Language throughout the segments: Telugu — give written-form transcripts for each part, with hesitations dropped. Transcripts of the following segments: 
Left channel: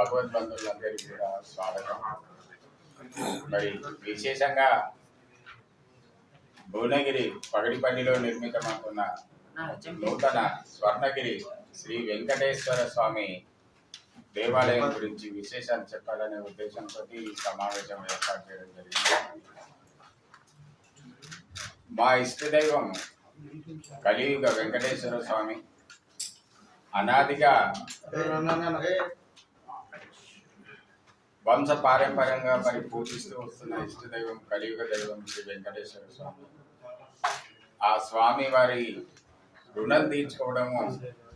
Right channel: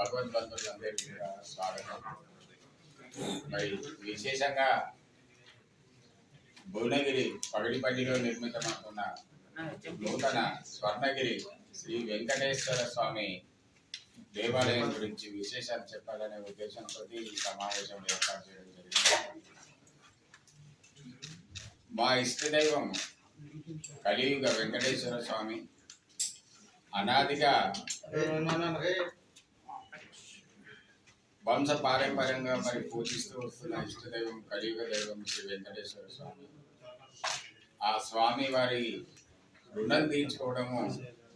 భగవద్బంధువులందరికీ కూడా స్వాగతం. మరి విశేషంగా భువనగిరి పగడిపల్లిలో నిర్మితమవుతున్న నూతన స్వర్ణగిరి శ్రీ వెంకటేశ్వర స్వామి దేవాలయం గురించి విశేషాలు చెప్పాలనే ఉద్దేశంతో ఈ సమావేశం ఏర్పాటు చేయడం జరిగింది. మా ఇష్టదైవం కలియుగ వెంకటేశ్వర స్వామి అనాదిగా వంశ పారంపర్యంగా మరి పూజిస్తూ వస్తున్న ఇష్టదైవం కలియుగ దైవం శ్రీ వెంకటేశ్వర స్వామి. ఆ స్వామి వారి రుణం తీర్చుకోవడము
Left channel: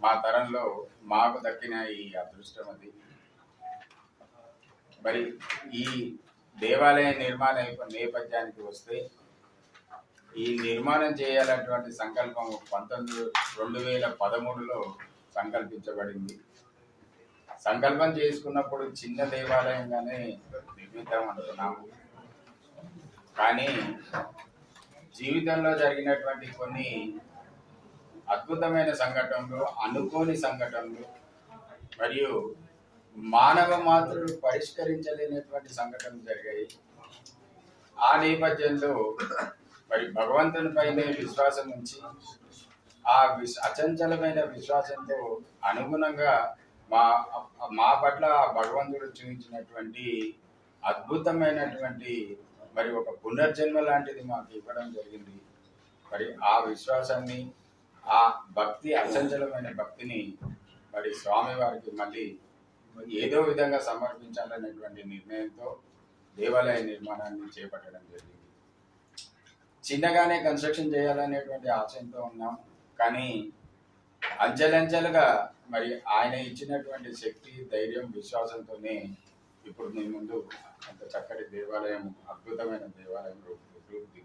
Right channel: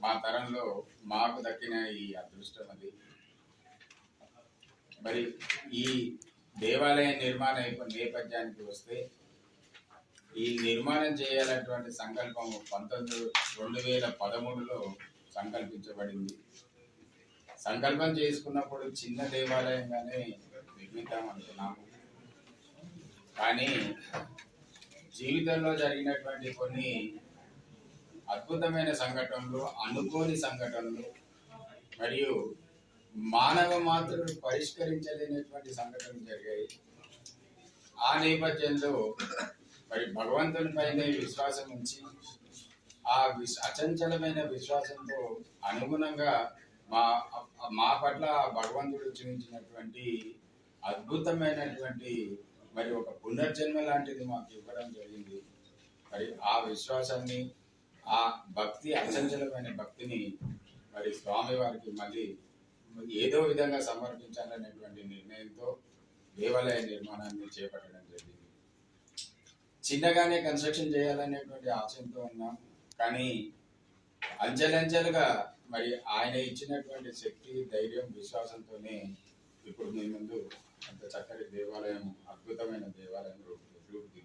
మా తరంలో మాకు దక్కిన ఈ అదృష్టం అది. మరి ఈ దేవాలయ నిర్మాణ నేపథ్యానికి వస్తే ఈ నిర్మాణం చేయాలన్నటువంటి సంకల్పం 2013లో సంకల్పించబడింది. సంకల్పం చేసుకున్నప్పుడు చిన్న దేవాలయంగానే నిర్మిద్దాం అనుకున్నాము. కానీ జీవితంలో జరిగినటువంటి కొన్ని అద్భుతమైన సంఘటనలు, అనుకోని సంఘటనలు మరియు మానవ మాత్రులు పరిష్కరించలేనటువంటి సంఘటనలు జరిగాయి. ఆ నేపథ్యంలో మరి భగవంతుని పైనే విశ్వాసం ఉంచి ఆ అచంచలమైన విశ్వాసంతో అనుగుణంగా మా పట్ల భగవంతుడు చూపించినటువంటి అద్భుతమైనటువంటి మరి ఒక పునర్జన్మ లాంటిది మాకు ఇవ్వడం జరిగింది. మరి ఆ విశ్వాసాన్ని, ఆ భక్తి, అచంచలమైన భక్తిని మరి స్వామివారికి మళ్ళీ ఏదో విధంగా సమర్పించాలనేటువంటి నిర్ణయంతో దేవాలయ నిర్మాణాన్ని చేపట్టడం జరిగింది. చిన్నగానే కన్స్ట్రక్షన్ చేయాలనేటువంటి ఆశయంతో ఉన్నాం. కానీ అంచెలంచెలుగా మరి ఆయన ఇచ్చినటువంటి శక్తి, ధైర్యం, విశ్వాసంతోనే ఇప్పుడు మీ ముందు అంత చక్కటి దేవాలయం, అద్భుతమైన దేవాలయం రూపుదిద్దుతుంది.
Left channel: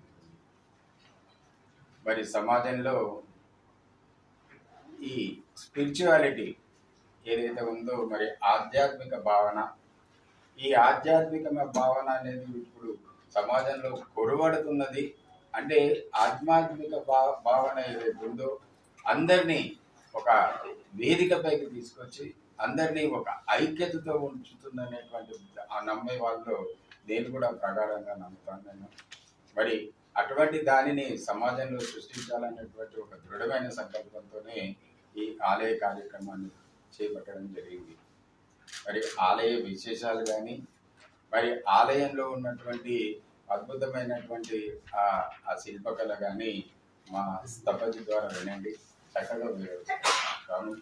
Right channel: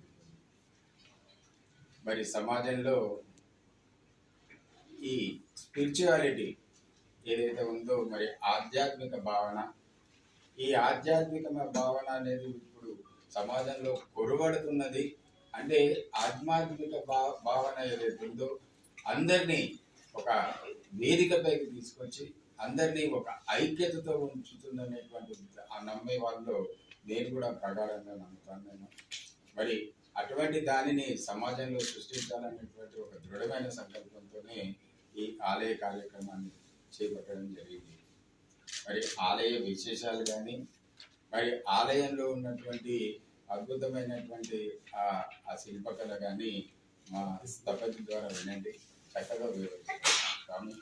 మరి సమాజంలో ఈ స్పిరిచువాలిటీ ఏదైతే ఉందో, మరి ఆధ్యాత్మిక భావన, ఈ ఆధ్యాత్మిక భావన అనేది ఇప్పుడు సమాజంలో కొరవడుతున్నది. అంటే ఆధ్యాత్మిక భావన ఏదైతే ఉందో అందరినీ ఒక వేదికపైకి తీసుకొచ్చి అందరినీ ఒక ఐక్యతతో ఉంచుతుందనేటువంటి ఆ నమ్మే వాళ్ళలో నేను కూడా ప్రగాఢంగా నమ్ముతాను. మరి అటువంటి దానిని సమాజంలో సృష్టించాలనేటువంటి ఒక దృఢమైన సంకల్పంతోనే ఈ ఆలయ కార్యక్రమాన్ని చేపట్టడం జరిగింది. మరి ఆలయ విశేషాలు కానీ, మరి ఆలయంలో ఉన్నటువంటి అద్భుతమైనటువంటి ఆ శిల్పకళ కానీ మా స్థపతి ద్వారా వినండి. చక్కగా స్వామి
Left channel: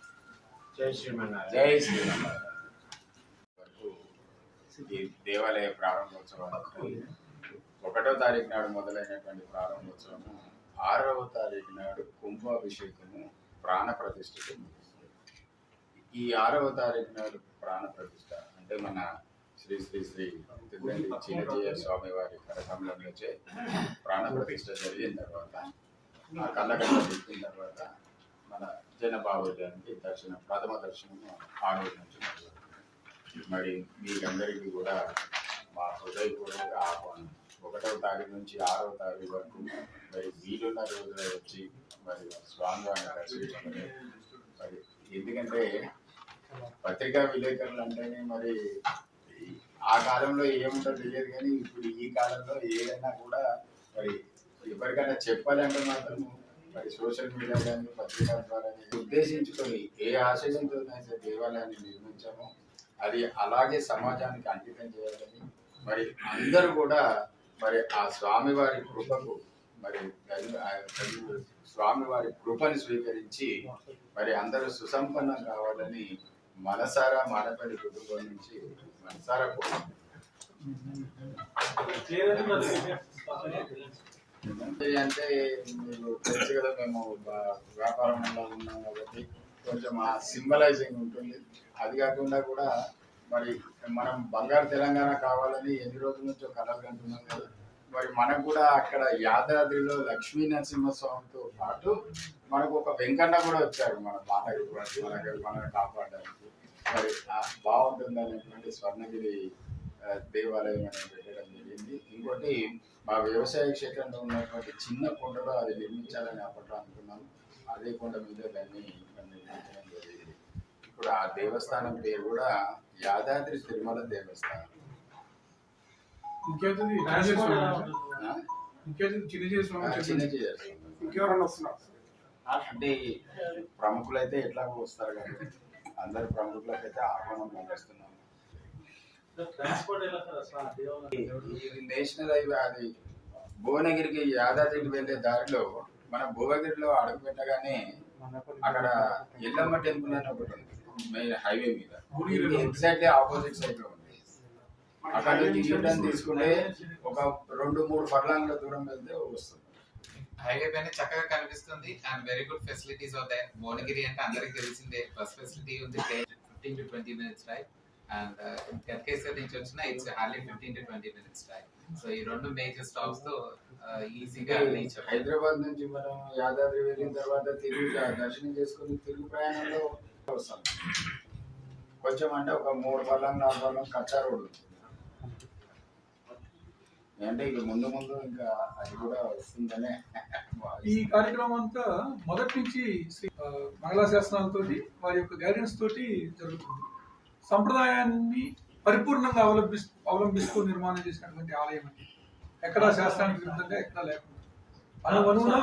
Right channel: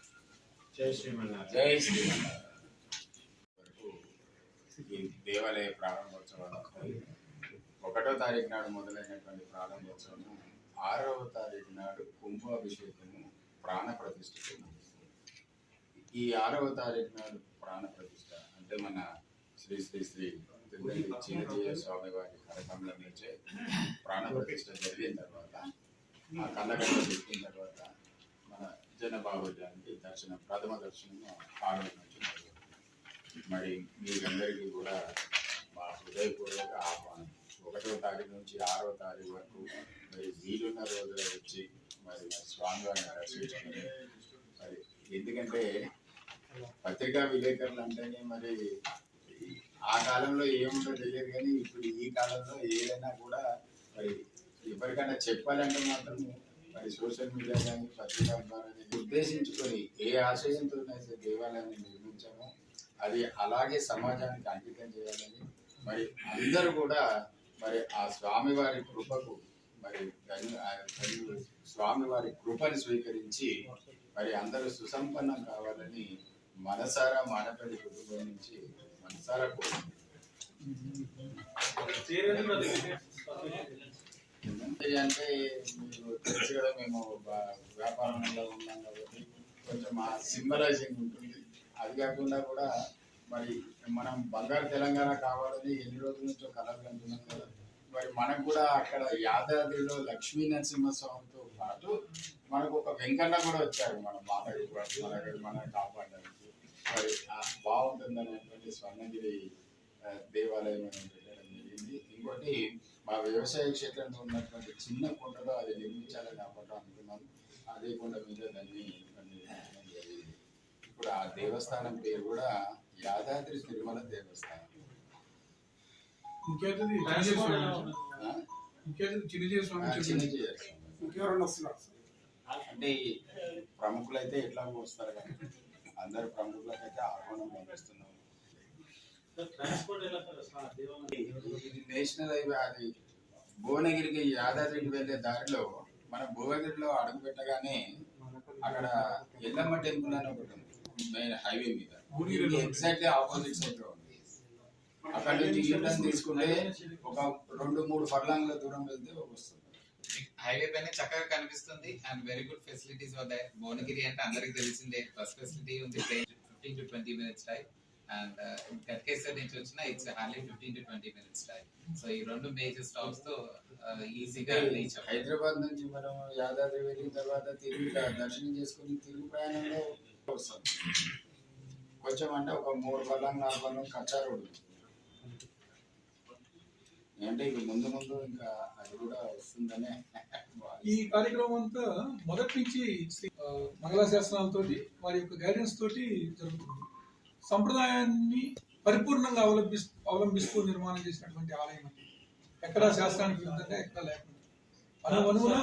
జై శ్రీమన్నారాయణ. జై శ్రీమన్నారాయణ. వరకు ఈ దేవాలయ ప్రారంభోత్సవాలకు 1వ తారీఖు నాడు మొదలైనటువంటి ప్రారంభోత్సవము 6వ తారీఖు నాడు కుంభాభిషేకము, ప్రాణ ప్రతిష్ఠకు. ఈ 6వ తారీఖు నాడు ప్రాణ ప్రతిష్ఠ అంటే మన శ్రీ శ్రీ శ్రీ తిరుమల చిన్నజీయ స్వామి వారి కరకమలంలోచే ప్రాణ ప్రతిష్ఠ జరిగిన తర్వాత, ఆ కళ్ళగడ్డ పెట్టిన తర్వాత మన జనబాహుల్యానికి ప్రథమ దర్శనం 6వ నుంచి మొదలవుతుంది. మరి మీకందరికీ కూడా మా హృదయపూర్వక ఆహ్వానం. 1వ తారీఖు నుంచి 6వ తారీఖు వరకు మరి వీలున్న రోజున వచ్చి మరి స్వామివారిని దర్శించుకుని, మరి ఎందుకంటే పత్రికా విలేకరులు అంటేనే మరి ఆ కాలంలో ఏముంటో తెలియదు, కానీ ఇప్పుడు ఈ కాలంలో ఏదైనా కూడా మరి ఎవరికైనా చెప్పాలంటే మాత్రం మరి సోషల్ మీడియా కానీ పత్రికా ద్వారా ఉద్దేశించుకొని ఏ ఆశయంతో అయితే దేవాలయాన్ని నిర్మించామో అది అలాగే సమాజానికి అంకితం చేయాలని, మరి అందరూ కూడా మరి ఆ స్వామివారి కృపకు మరి స్వామివారి కృపని స్వీకరించి మరి అందరూ సుసంపన్నం కావాలని మనసారా మానపల్లి కుటుంబం నుంచి మనసారా అంటే మీరు తెలుసు కదా, మేము వ్యాపారంలో ఉన్నాం కాబట్టి కొంచెం ఆ సింబలైజింగ్ ఉంటుంది. అది కాకుండా కూడా మరి మనం బంగారు తెలంగాణ కావాలని ఎన్ని రోజుల నుంచో కలలు కంటున్నాం కదా. మరి మనకు కూడా అక్కడ యాదాద్రిలో లక్ష్మీ నరసింహస్వామితో పాటు మనకు ఒక వెంకన్న కూడా వచ్చారు మన మనకు కాపాడడానికి. మరి బాగుంటుంది అనేటువంటి స్వర్ణగిరి దేవాలయం అనేది పెట్టడం జరిగింది. ఇంకోటి మా వ్యవసాయ క్షేత్రంలో ఉన్నటువంటి చిన్న కొండలో అది నిర్మించాలని అప్పట్లో అనుకున్నాము. అదే కొండ మీద దాన్ని నిర్మించడం జరిగింది. ఇప్పుడు ఆ దేవస్థానం పేరు కూడా యాదాద్రి తిరుమల దేవస్థానం. ఇంకేంటి ఆ? చిన్నజీవి స్వామి చిన్నజీయర్ స్వామి. ఇంకెవరన్నా వస్తున్నారు? అంటే ప్రముఖులైతే ఎట్లా వస్తారు కాబట్టి అందరు ప్రముఖులకైతే ఆహ్వానం పంపిస్తున్నాము. ఇది నేషనల్ హైవే. అది భువనగిరికి యాదాద్రికి వెళ్ళే దారిలో మన భువనగిరిలో అడుగు పెట్టగానే అక్కడ ఎల్లమ్మ టెంపుల్ అని ఒకటి ఉంది మెయిన్ హైవే మీద. ఎగ్జాక్ట్లీ ఆపోజిట్ సైడ్ లో ఉంది. అక్కడ నుంచి యూటర్న్ తీసుకుంటే ఒక 2-3 ఫర్లాంగ్ల దూరం వెళ్తే వస్తుంది. హైవే పైన చక్కగా కనిపిస్తుంది అండ్ వెరీ గుడ్ ఫెసిలిటీస్ అవుతాయి. భువనగిరి అంటే అందరికి తెలిసిందే, బస్ ఫెసిలిటీ ఉంది, 15 to 20 minutes ride. And Ghatkesar నుంచి వచ్చిన it's hardly 15 to 20 minutes ride. So ఈ రెండు మేజర్ స్టాప్స్ తో ఈజీగా రీచ్. హైదరాబాద్ నుంచి మనం యాదాద్రి వెళ్ళిన తర్వాత తిరిగి దర్శనం చేసుకుని తిరుగు ప్రయాణంలో వస్తాం. కొంచెం అంటే ఒక 3 ఫర్లాంగ్ 4 ఫర్లాంగ్ కచ్చా రోడ్ ఉంది. అంటే ఇక ముందు ఇంకా అది కూడా వస్తుందనే. ఈ కార్యక్రమం అంతా మొదటి నుంచి మంగళ శాసనాలతో వారి యొక్క గైడెన్స్ తోటి జరుగుతుంది. సంప్రదాయాన్ని పరిపూర్ణంగా అవలంబిస్తూ నిర్మాణం చేసినటువంటి ఆలయం అది. ఎక్కడా శాస్త్రానికి విరుద్ధంగా ఎక్కడా లేకుండా అనువున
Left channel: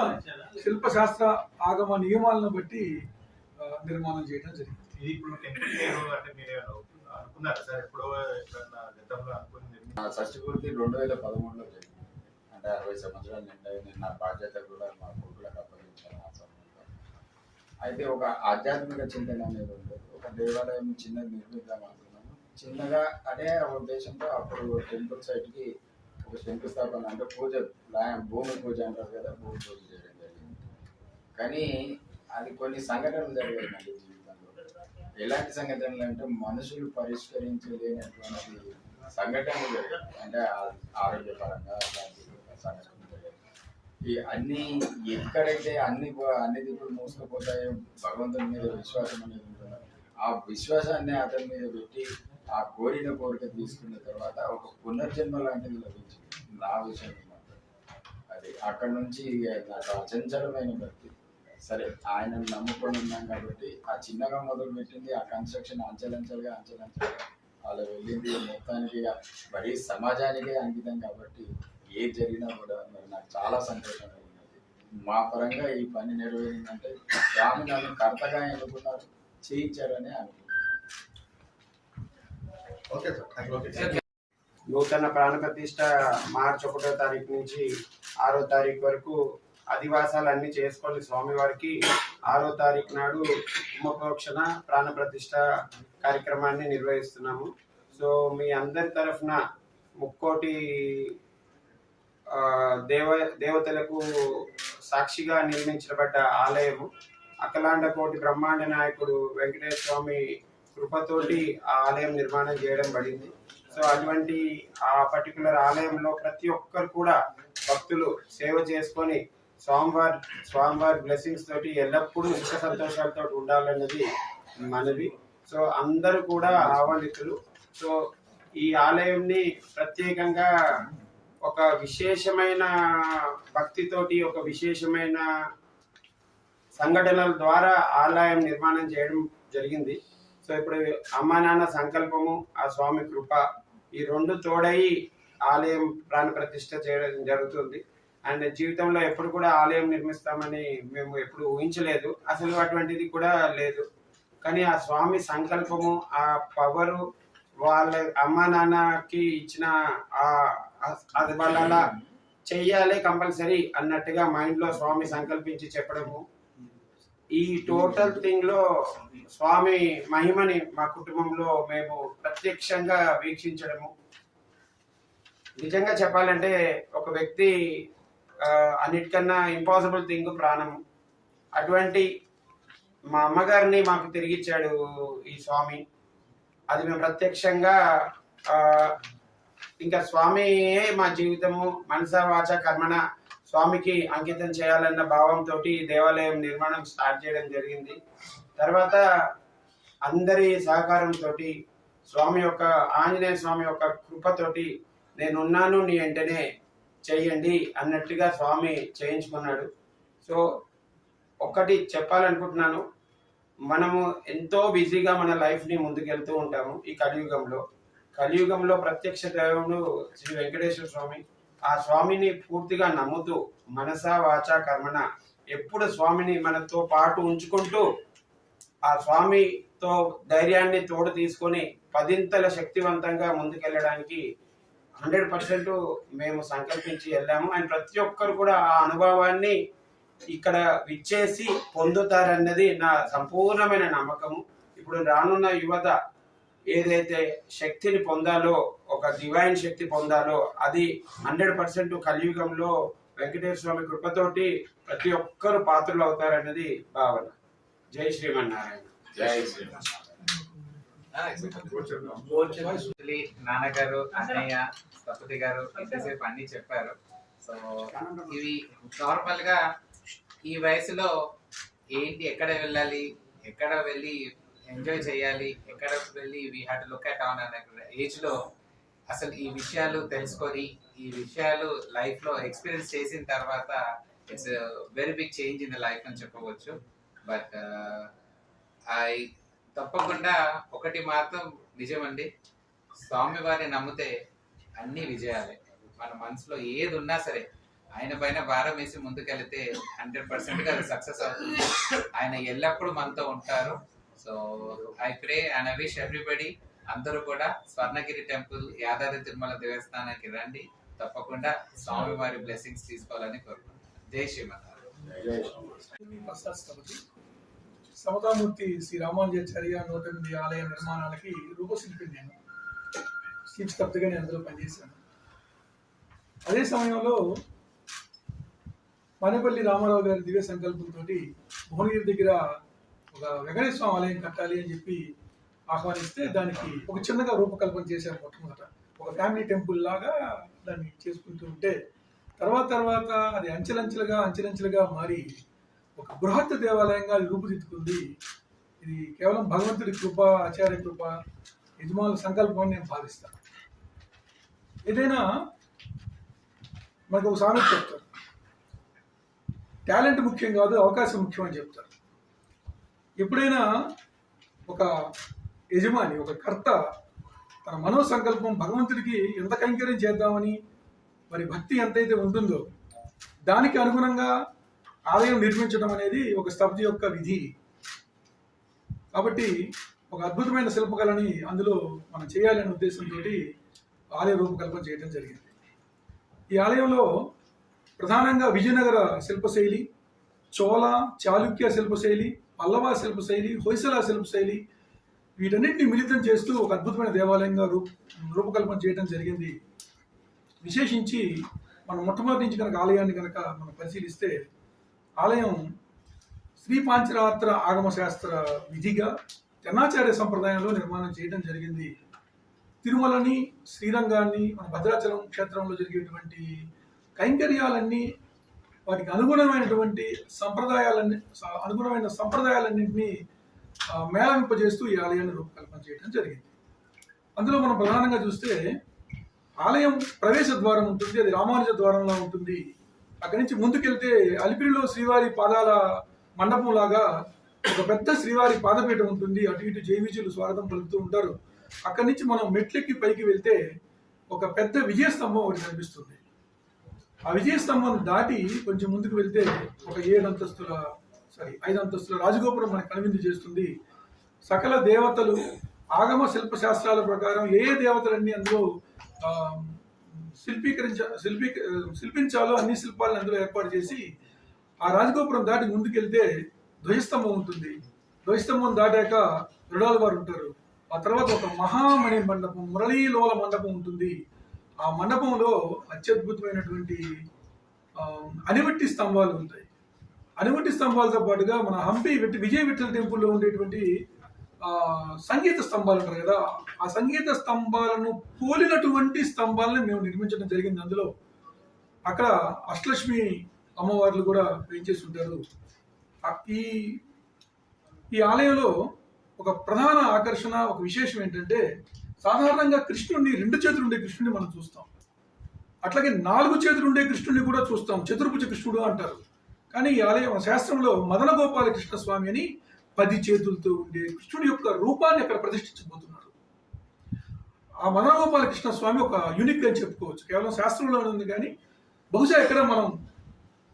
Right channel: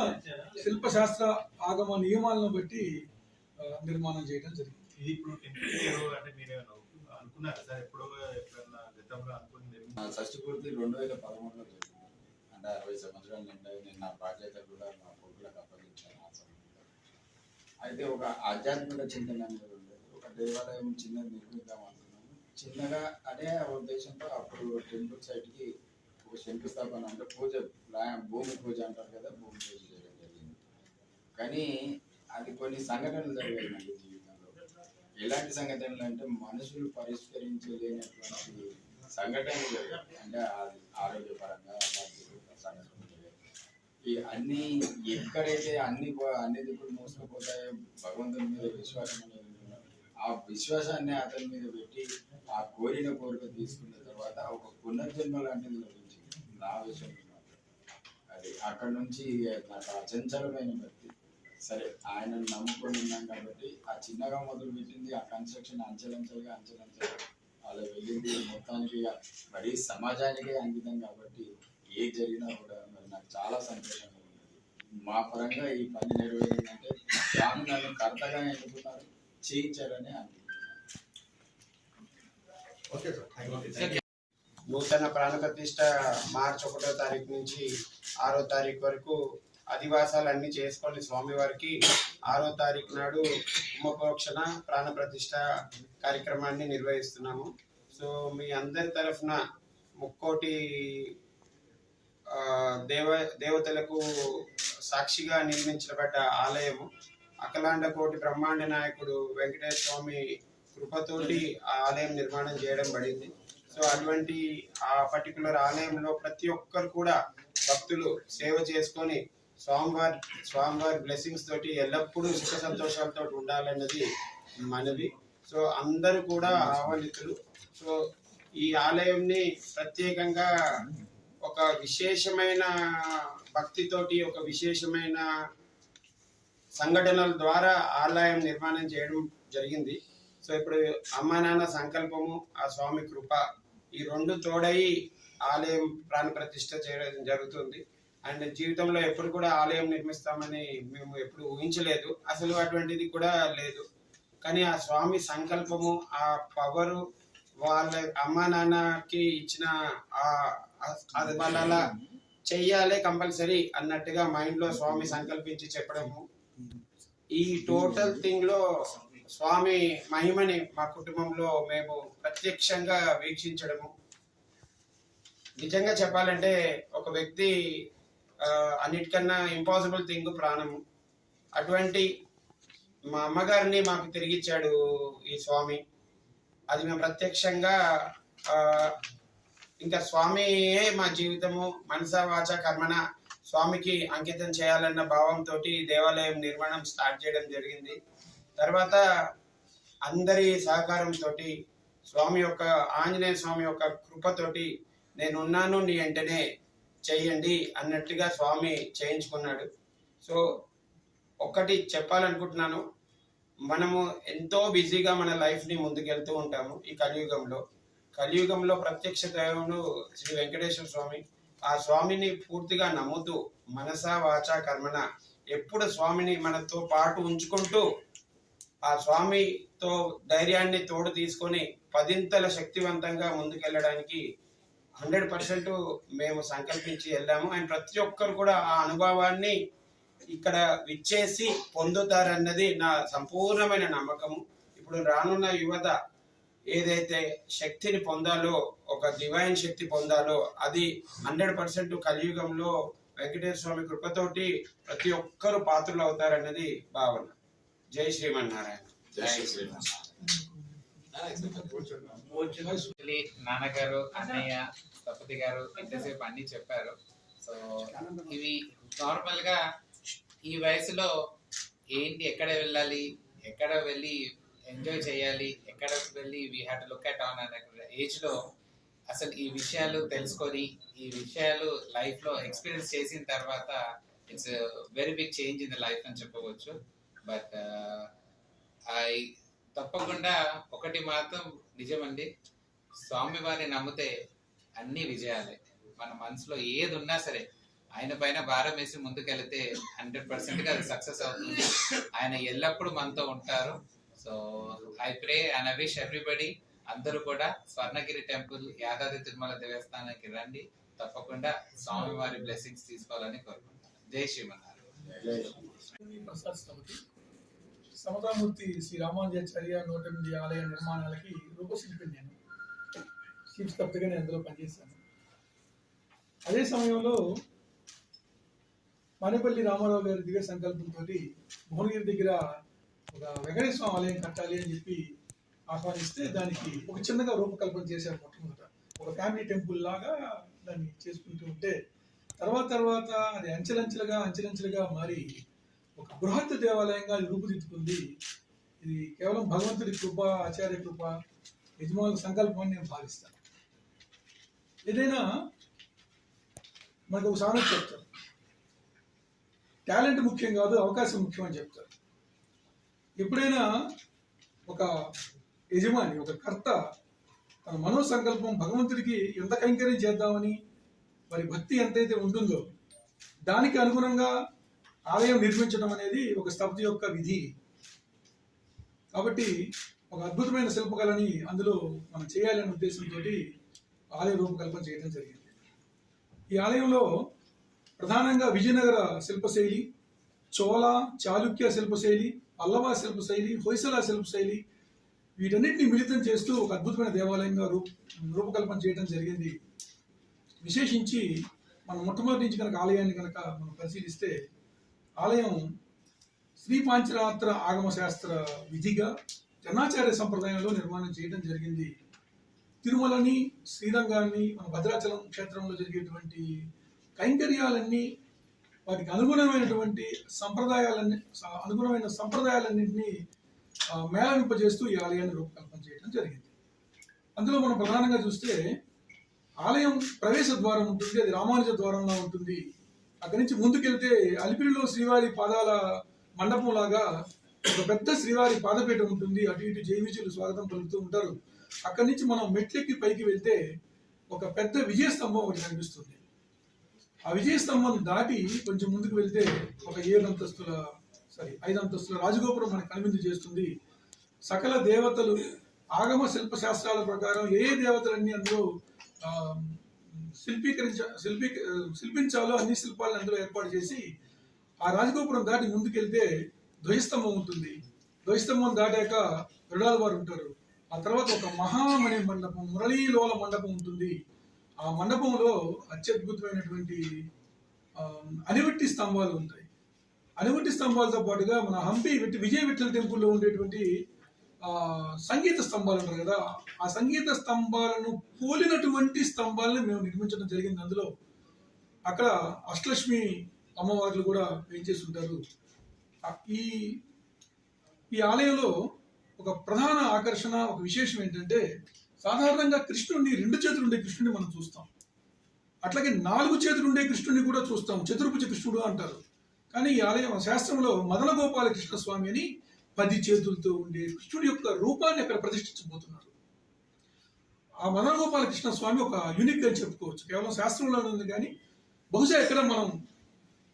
శిల్పశాస్త్ర ఆగమ నియమాలను బట్టి నిర్మాణం చేయడం జరిగింది. ఇది ఇప్పుడు టెంపుల్ అంటే మీరు అనుకున్నారా సార్? ఎప్పుడో ఎప్పుడన్నా గతంలో అనుకుని షష్ఠి పూర్తి 2013లో జరిగింది. అంటే 60 సంవత్సరాలు నిండాయి. నేను నా బాధ్యత కూడా మా కొడుకులకు అప్పగించాను ఆ సమయంలో. అయితే ఒక ఆధ్యాత్మిక చింతన అనేది ఉంటుంది. ఒక దేవాలయం చిన్నది నిర్మిద్దాం అనుకున్నాను. చిన్నగా అనే ఉద్దేశంతో అప్పుడు టెంపుల్ సైట్కి ఒక శంకుస్థాపన అంటే పూజ, భూమి పూజ అంటారు కదా, భూమి పూజ చేయడం జరిగింది. కానీ అది కొన్ని సంఘటనలు జరిగాయి నాకు జీవితంలో. ఎలాంటి సంఘటనలు అంటే మనుషులు పరిష్కరించలేనటువంటి సంఘటనలు జరిగాయి. అంటే ఆరోగ్యపరంగా సంఘటనలు జరిగాయి. ఈ అన్ని ఎక్కడైతే అన్ని దిక్కులు మూసుకుపోతాయో భగవంతుని మీద విశ్వాసం అనేది ఉంటుందో ఆ విశ్వాసాన్ని అతని మీద పెట్టి ఆ కోరిన కోరిక తీసుకున్న తర్వాత ఒక పునర్జన్మ లాంటిది లభించింది నా విషయం మాత్రం. అది అక్కడ నుంచి నాకు అచంచలమైన భక్తి. సరే ఆయనను నమ్ముకొని ఉన్నాం కాబట్టి ఆ చిన్నగా మొదలు పెట్టింది ఆ కన్స్ట్రక్షన్ అంచెలంచెలుగా అలా వెళ్ళింది. మొత్తానికి మరీ సమాజానికే అంకితం కాబట్టి ఏది జరిగినా కూడా మరి నాకు చాలా సంతోషంగా ఉన్నది. మా పరంగా ఈ పని నెరవేరిందంటే స్వామి నన్ను కర్తగా ఎన్నుకున్నారు, చేయించారని అనుకుంటున్నాను. నూతన ప్రాణ ప్రతిష్ట మార్చి 1వ తారీఖు నుంచి 6వ తారీఖు వరకు అధివాసాలు అన్ని చేసుకొని స్వామివారికి 6వ తారీఖు నాడు ఉమప్రోక్షణ ప్రాణ ప్రతిష్ట కార్యక్రమాన్ని నిర్వహిస్తున్నాము. సో మీ అందరి తరఫున ముక్కోటి దేవతలకు సాక్షిగా నిర్మించబడ్డ ఆలయము అఖిలాండ కోటి బ్రహ్మాండ నాయకుడు వెంకటేశ్వర స్వామి కృపతోటి ఆ ఆలయం నిర్మాణం చేయడం పడింది. సో అటువంటి ఆ పర్టికులర్ ఆలయంలో ప్రతి ఒక్కరు కూడా భక్తులు సేవ చేసుకొని స్వామివారి బ్లెస్సింగ్స్ తోటి ఎల్లప్పుడూ సుఖ సంతోషాలతో ఉండాలన్నది మనవి. సో అందరూ కూడా ఆహ్వానితులు. సో ఈ ఆలయంని ప్రత్యేకంగా ఒక విశేషమైన భక్తితోటి ఒక విశేషమైన సంఘటనల ద్వారా ఆలయం నిర్మాణం చేయడం జరిగింది. సో ఇప్పుడు అమ్మా నాన్న సంకల్పము, ఆ స్వామి కృప, ఈ రెండు తోడై ఆలయం ప్రాణ ప్రతిష్ఠ చేయడం జరుగుతుంది. అండ్ జీవితంలో ఎప్పుడు కూడా ఆలయం నిర్మిస్తామని మేము ఎప్పుడు ఊహించలేదు, అసలు అటువంటిది కూడా లేదు. కానీ ఆ స్వామి సంకల్పము, ఆ పవరు, వాళ్ళ అమ్మా నాన్నకి ఇచ్చిన అది వాళ్ళ అలా చెయ్యాలి కంపల్సరీ అన్నట్టుగా మైండ్లో స్వామి సంకల్పించి చెప్పడము, ఈ టోటల్ థింగ్ లో స్వామి మహిమని మా కుటుంబంలో మేము ప్రత్యక్షంగా వీక్షించడము. నిజంగా చెప్పాలంటే ఒక వ్యక్తి అన్నిటికన్నా ఇంపాసిబుల్ థింగ్ ప్రాణము. అటువంటి మా అమ్మగారిని మాకు తిరిగిచ్చాడు ఈ స్వామి. అది మేము ప్రత్యక్షంగా ఇంకా స్వామియే మా జీవితము, మనసా వాచ కర్మణ స్వామికి అంకితం చేయాలన్న భావంతో దేవాలయం నిర్మాణం స్టార్ట్ చేయడం జరిగింది. తర్వాత అందరి సహకారంతో స్వామి యొక్క ఆంజనేయ స్వామి యొక్క కృపతోటి నేనున్నాను నీ వెంటనే చేయండి అన్నట్టుగా స్వామి చేయించుకున్నాడు. సో ఒక్కటి చెప్పాలనుకుంటున్నాను, మనము ఎంతో బిజీగా మన లైఫ్ని ముందుకెళ్తూ ఉంటాము. ఈ కలియుగంలో ప్రత్యక్ష దేవుడు శ్రీ వెంకటేశ్వర స్వామి. ఆ స్వామిని పూర్తిగా నమ్ముతూ మనసా వాచా కర్మణ ఎప్పుడు స్వామిని మనతో పాటు ఉంచుకుంటూ ఆ స్వామితో ధైర్యాన్ని తోడు తీసుకొని 10ంతల శక్తివంతంగా ముందుకెళ్ళడానికి 100% మేము సంకల్పించి వెళ్ళాము. అండ్ ప్రతి ఒక్కరు కూడా ఆ అనుభవాన్ని ఇక్కడ విచ్చేసి పొందుతారన్నది నా సంపూర్ణమైన నమ్మకము. ఇప్పుడు రానున్న యువత ఏదైతే శక్తిని పొందాలో, ఒక డివైన్ శక్తి పొందాలో, అది 100% కలియుగంలో వెంకటేశ్వర స్వామి కృపతోటి ప్రతి ఒక్కరు పాత్రలు అవుతారన్నది భావన. జై శ్రీమన్నారాయణ. జై శ్రీరామ్. Actually, నాన్నగారు, అన్నయ్య, సపతి గారు ఇంతసేపు అన్ని చెప్పారు. సో ఇవి నార్మల్ గా ఈ వయసులో ఏంటి, ఎక్కడ వెళ్ళాలి, ఎక్కడ వెళ్ళి ఎంజాయ్ చేయాలి, ఎక్కడ వెళ్ళి we have to look at on అనే ఏజ్ లో అసలు ఈ విషయాలు తెలుసుకొని ఈ విషయాలు లైఫ్ లో ఎక్స్పీరియన్స్ చేసిన తర్వాత it's very big change in the life అని చెప్పవచ్చు. బట్ తప్పకుండా ఒకటి మాత్రం నిజమండి, స్వామివారిని నమ్మితే అన్ని విజయాలే. మన మనసులో ఏది ఉన్నా సరే ఆయన పైన భారం వేసి ముందుకెళ్తే 100% అది సక్సెస్ అవుతుంది. ఆయన ఎల్లప్పుడూ మనతో ఉంటారు. So I pray and I wish everybody అందరూ కూడా స్వర్ణగిరి టెంపుల్, యాదాద్రి తిరుమల దేవస్థానానికి రండి. తప్పకుండా స్వామివారి బ్లెస్సింగ్స్ తీసుకోవాలని కోరుకుంటున్నాను. జై శ్రీమన్నారాయణ. ప్రసాద్ స్థపతి సమతామూర్తి శ్రీ రామానుజాచార్య 108 ఆలయ నిర్మాణాలకి రూపశిల్పి. నేను చీఫ్ స్థపతిగా నేను అందులో పనిచేశాను. అదే సమయంలో మానేపల్లి రామారావు గారి దివ్య సంకల్పంతో భువనగిరి దగ్గర ఒక వెంకటేశ్వర స్వామి ఆలయం కట్టాలి అని చెప్పి ఆహ్వానిస్తే దానికి ఒక చిన్నగా రూపకల్పన చేశారు. మొట్టమొదట ఒక ఫ్యామిలీ టెంపుల్ లాగా దాన్ని చేసుకుంటూ ఉంటే తర్వాత అది అంచెలంచెలుగా మారి ఒక బృహత్ దేవాలయంగా అది రూపుదిద్దుకుంది. ఇది కేవలం భగవంతుడి కృప, ఆచార్య కృప, యజమానుల సంకల్పం అని నేను భావిస్తాను. ఏదైనా మనకు ఒక సామెత చెప్తారు, టాలెంట్ ముఖ్యం కాదు, అవకాశం ముఖ్యం అని చెప్తారు. ఎప్పుడైనా ఒక యజమాని, ఒక కర్త తన మనో సంకల్పం భగవంతుడికి ఎంత కైంకర్యం చేద్దామని మరి భక్తి ఎంతైతే ఉంటుందో దానికి అనుగుణంగా ఆలయం నిర్మించడం అనేది ఒక స్థపతి యొక్క విధి. కాబట్టి ఒక అద్భుతమైన శిల్పకళని అందులో మనం చేయాలనే ఉద్దేశంతో ఆలయ రూపకల్పన చేయడం జరిగింది. ఈ ఆలయంలో ప్రధానంగా విజయనగర శిల్పశైలి, చోళ, చాళుక్య శిల్పశైలి, పల్లవ శిల్పశైలి, హొయసల శిల్పశైలి వీటన్నిటిని మిళితం చేస్తూ ఒక అద్భుతమైన దేవాలయంగా రూపకల్పన చేయడం జరిగింది. విశేషించి మనం మొట్టమొదటి నుంచి కనుక ఆలయాన్ని కనుక మనం పరిశీలిస్తే ఆలయం శ్రీ పాంచరాత్ర ఆగమ శాస్త్ర విధిగా జనాచార్య సంప్రదాయంలో నిర్మాణం చేయడం జరిగింది. తిరుమలని, శ్రీరంగాన్ని, మన భద్రాచలం క్షేత్రంలో జరిగేటువంటి కైంకర్యాలన్నీ వాటికి అనుగుణమైన సంప్రదాయాలన్నింటినీ మేళవింపజేస్తూ ఈ ఆలయాన్ని రూపకల్పన చేయడం జరిగింది. అందులో మనం ప్రధానంగా చూస్తే ఆలయం ప్రవేశ ద్వారం ఉంటుంది, అది రామానుజ ద్వారంలో ఉంటుంది. అక్కడి నుంచి ముందుకెళ్తే అలిపిరిలో శ్రీవారి పాదాల మండపం లాగా ఒక పెద్ద శ్రీవారి పాదపీఠం ఉంటుంది. అటు ఇటు జైవిజులు స్వాగతం పలుకుతూ ఉంటారు. అక్కడి నుంచి మనం మెట్లెక్కి పైకి వెళ్తే ఒక పెద్ద విజయస్తంభం ఒకటి కనిపిస్తుంది. ఆ విజయస్తంభం దాటి కొంచెం ముందుకు వెళ్తే ఒక 5 అంతస్తుల రాజగోపురం మనకు కనువిందు చేస్తుంది. సకల దేవతలు ఆగమ శిల్ప శాస్త్రాల ప్రకారం ఏ దేవతలన్నీ అందులో శిల్పించాలో అన్ని శిల్పాలను అందులో ఏర్పాటు చేసి ఆ రాజగోపురం దాటి ముందుకెళ్తే ధ్వజస్తంభం ఉంటుంది. ధ్వజస్తంభం దాటాక దృఢాల వారు ఉంటారు. ఆ తర్వాత ఒక మహామణి మండపం, మురళీలోల మండపం ఉంటుంది. ఆ మండపంలో అత్యద్భుతమైనటువంటి అనివట్టి స్తంభాలు ఉంటాయి. అనివట్టి స్తంభాలతో పాటుగా మన హంపి విజయ విఠల టెంపుల్లో ఉండేటువంటి సంగీత స్తంభాలు ఉంటారు కదా, ఆ సంగీత స్తంభాలను పోలినటువంటి స్తంభాలను మేము నిర్మించడం జరిగింది. అందులో అక్కడ అష్టలక్ష్మి అమ్మవార్లు కూడా పెంచేసి ఉంటారు. ఈ ఆలయంలో ఒక ప్రధాన ఆకర్షణ, ఒక విశేషం ఏంటంటే సాధారణంగా కృష్ణుడిని 2 చేతులు ఉండే కృష్ణుడిని మనం చూస్తాం. అట్లాగే 4 చేతులు ఉండే కృష్ణుడిని కూడా చూస్తాం, చతుర్భుజ కృష్ణుడు అంటారు. కానీ ఈ ఆలయం శాస్త్రంలో మదన గోపాల కృష్ణ స్వామి అని 10 చేతులతో ఉండే కృష్ణుడి యొక్క రూపాన్ని అక్కడ ప్రతిష్ఠించబోతున్నారు. ఆ మదన గోపాలకృష్ణ స్వామి ఒక యూనిక్ అని చెప్పుకోవచ్చు. కేవలం శాస్త్రంలో ఉంది కానీ బహుశా ఎక్కడ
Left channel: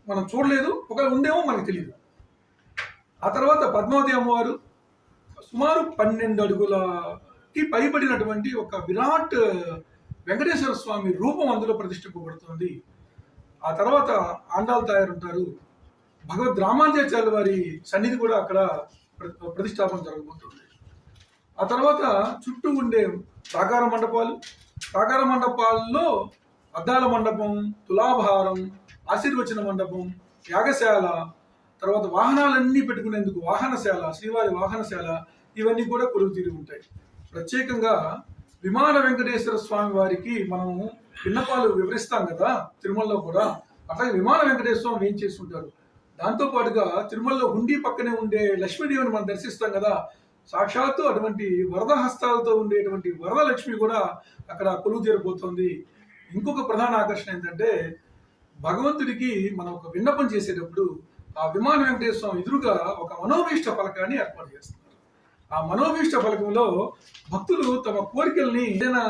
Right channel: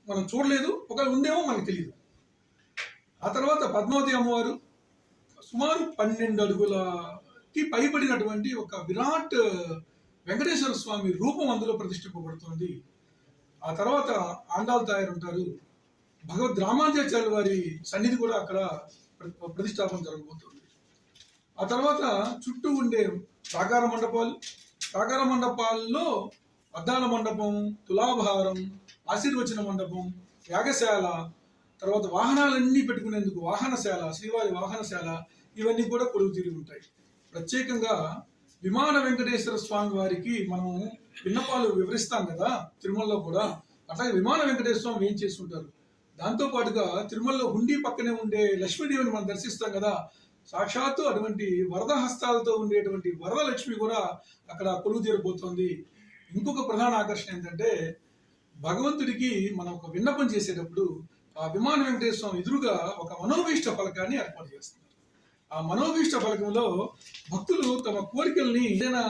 మనం చూడలేదు, ఒకవేళ ఉందేమో మనకు తెలియదు. ఆ తర్వాత పద్మావతి అమ్మవారు సుమారు 12 అడుగులకి పైబడినటువంటి ఒక విరాట్ వెంకటేశ్వర స్వామి రూపం అందులో ప్రతిష్ఠింపబడుతుంది. ఆ తర్వాత ఆండాల్ తాయారు ఉంటారు. భగవద్ రామానుజాచార్యుల వారి సన్నిధి కూడా అక్కడ ప్రతిష్టాపన జరగబోతుంది. ఆ తర్వాత చుట్టూ ఉండే ప్రాకార మండపాల్లో అద్దాల మండపం, తులాభారం, ఆశీర్వచన మండపం, యాగశాల, తర్వాత వాహనాలన్నీ పెట్టుకునేందుకు వాహనశాల, శ్రీవారి వాహనశాల, ఇవన్నీ కూడా కొలువు తీరి ఉంటాయి. ప్రత్యేకంగా విమాన వెంకటేశ్వర స్వామి వారికి మనం విన్నపాలు వివరిస్తాం కదా తిరుమలలో కూడా, అట్లాగే విమాన వెంకటేశ్వర స్వామి ఏం చేసి ఉంటారు. దాంతో పాటుగా తిరుమలలో హుండీ పక్కనే ఉండే లక్ష్మీదేవిని మనం దర్శిస్తాం కదా, సాక్షాత్తు అటువంటి వరద హస్తాలతో ఉండేటువంటి వరదలక్ష్మి కూడా అక్కడ కొలువు తీరబోతోంది. ఇంకొక ప్రధాన ఆకర్షణ ఏంటంటే భగవంతుడికి మనం ఒక విన్నపం చేసేటప్పుడు ఆ విమాన వెంకటేశ్వర స్వామి ఎదురుగా ఒక మనోభీష్ట ఫలకాన్ని ఏర్పాటు చేస్తున్నారు. ఆ మనోభీష్ట ఫలకంలో భక్తులు తమ కోరికల్ని ఏదైనా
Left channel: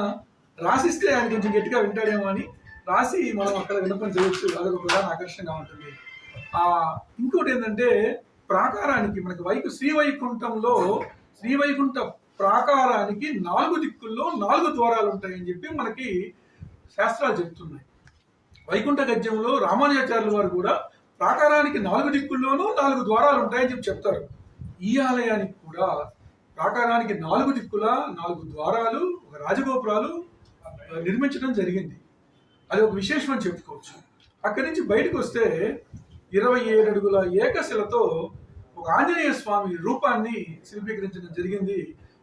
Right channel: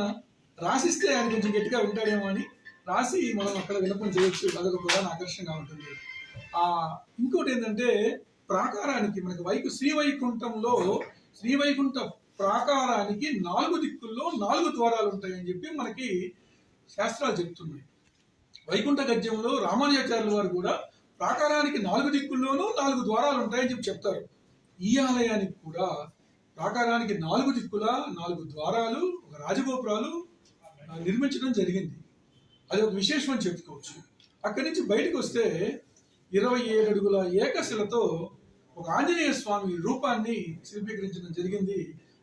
రాసిస్తే ఆయన కొంచెం గట్టిగా వింటాడేమో అని రాసి మనం అక్కడ విన్నపం చేయొచ్చు. అదొక ప్రధాన ఆకర్షణగా ఉంటుంది. ఇంకోటి ఏంటంటే ప్రాకారానికి మనకి శ్రీవైకుంఠ ప్రాకారానికి 4 దిక్కుల్లో 4 ద్వారాలు ఉంటాయని చెప్పి మనకి శాస్త్రాలు చెప్తున్నాయి. వైకుంఠ గద్యంలో రామానుజాచార్యుల వారు కూడా ప్రాకారానికి 4 దిక్కుల్లోనూ 4 ద్వారాలు ఉంటాయని చెప్పి చెప్తారు. ఈ ఆలయానికి కూడా ప్రాకారానికి 4 దిక్కుల 4 ద్వారాలు, ఒక రాజగోపురాలు నిర్మించడం జరిగింది. అది ఒక విశేషం అని చెప్పుకోవచ్చు. అక్కడి నుంచి బయటకు వస్తే 27 అడుగుల ఏకశిలతో ఒక ఆంజనేయ స్వామి రూపాన్ని శిల్పీకరించడం జరిగింది.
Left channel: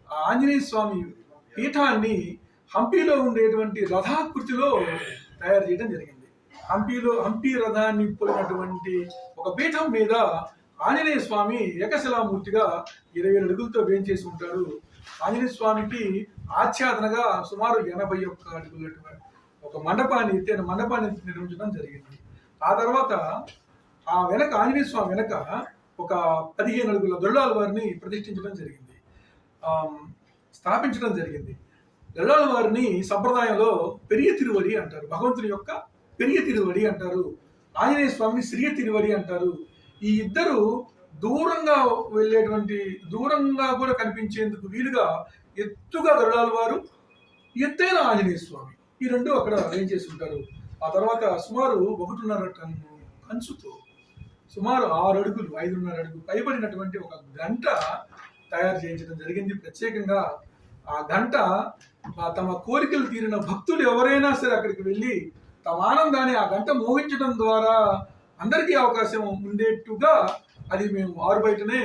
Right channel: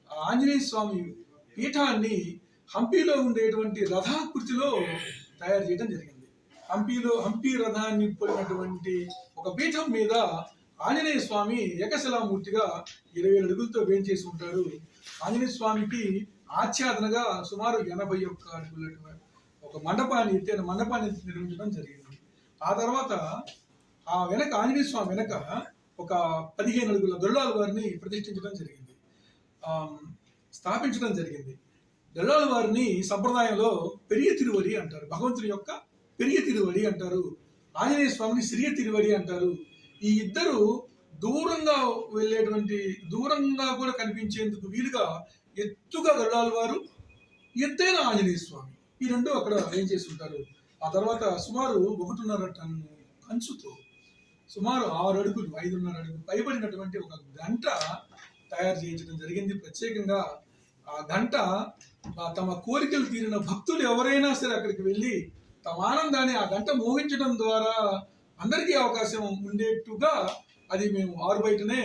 ఆ ఆంజనేయ స్వామి పీఠాన్ని హంపీలో ఉండేటువంటి రథాకృతిలో తయారు చేయడం జరిగింది. హంపీ రథాన్ని పోలినటువంటి ఒక పీఠం మీద ఆంజనేయ స్వామి ఏకశిలామూర్తిగా 27 అడుగులతో వేయించేసి ఉంటారు. ఆంజనేయ స్వామికి ఆచ్ఛాదనగా సుమారు 81 అడుగుల ఒక ఎత్తైన మండపాన్ని నిర్మించడం జరిగింది. ఆ తర్వాత ఆ వెనక ఆంజనేయ స్వామి వెనక ఒక 15 అడుగుల గరుడాల వారిని ప్రతిష్ఠించడం జరిగింది, స్థాపించడం జరిగింది. గరుడాల వారిని సంప్రదాయంలో పెరియ తిరువడి అంటారు. భగవంతుని యొక్క పెరియ తిరువడి అంటారు. ఆంజనేయ స్వామిని సిరియ తిరువడి అంటారు. ఈ ఇద్దరు దూరంగా కూడా కనిపించేందుకు వీలుగా ఎత్తుగా గరుడాల వారు, ఎత్తైన ఆంజనేయ స్వామి, ఈ రెండు అక్కడ ఏం చేసి ఉంటారు. ఆ తర్వాత సుమారు 1.5 టన్ను కంచుతో సుమారు 6 అడుగులు 5.5 అడుగు పైబడినటువంటి ఒక గంట తయారు చేయించడం జరిగింది. ప్రత్యేకంగా ఆ గంట తమ కోరికలు తీరిన భక్తులు ఎవరైనా సరే అక్కడికి వెళ్ళి తమ ఆనందాన్ని ఆ గంట మోగించడం ద్వారా అందరికీ అవకాశం ఉండేట్టుగా అది మేము ఆరు బయటనే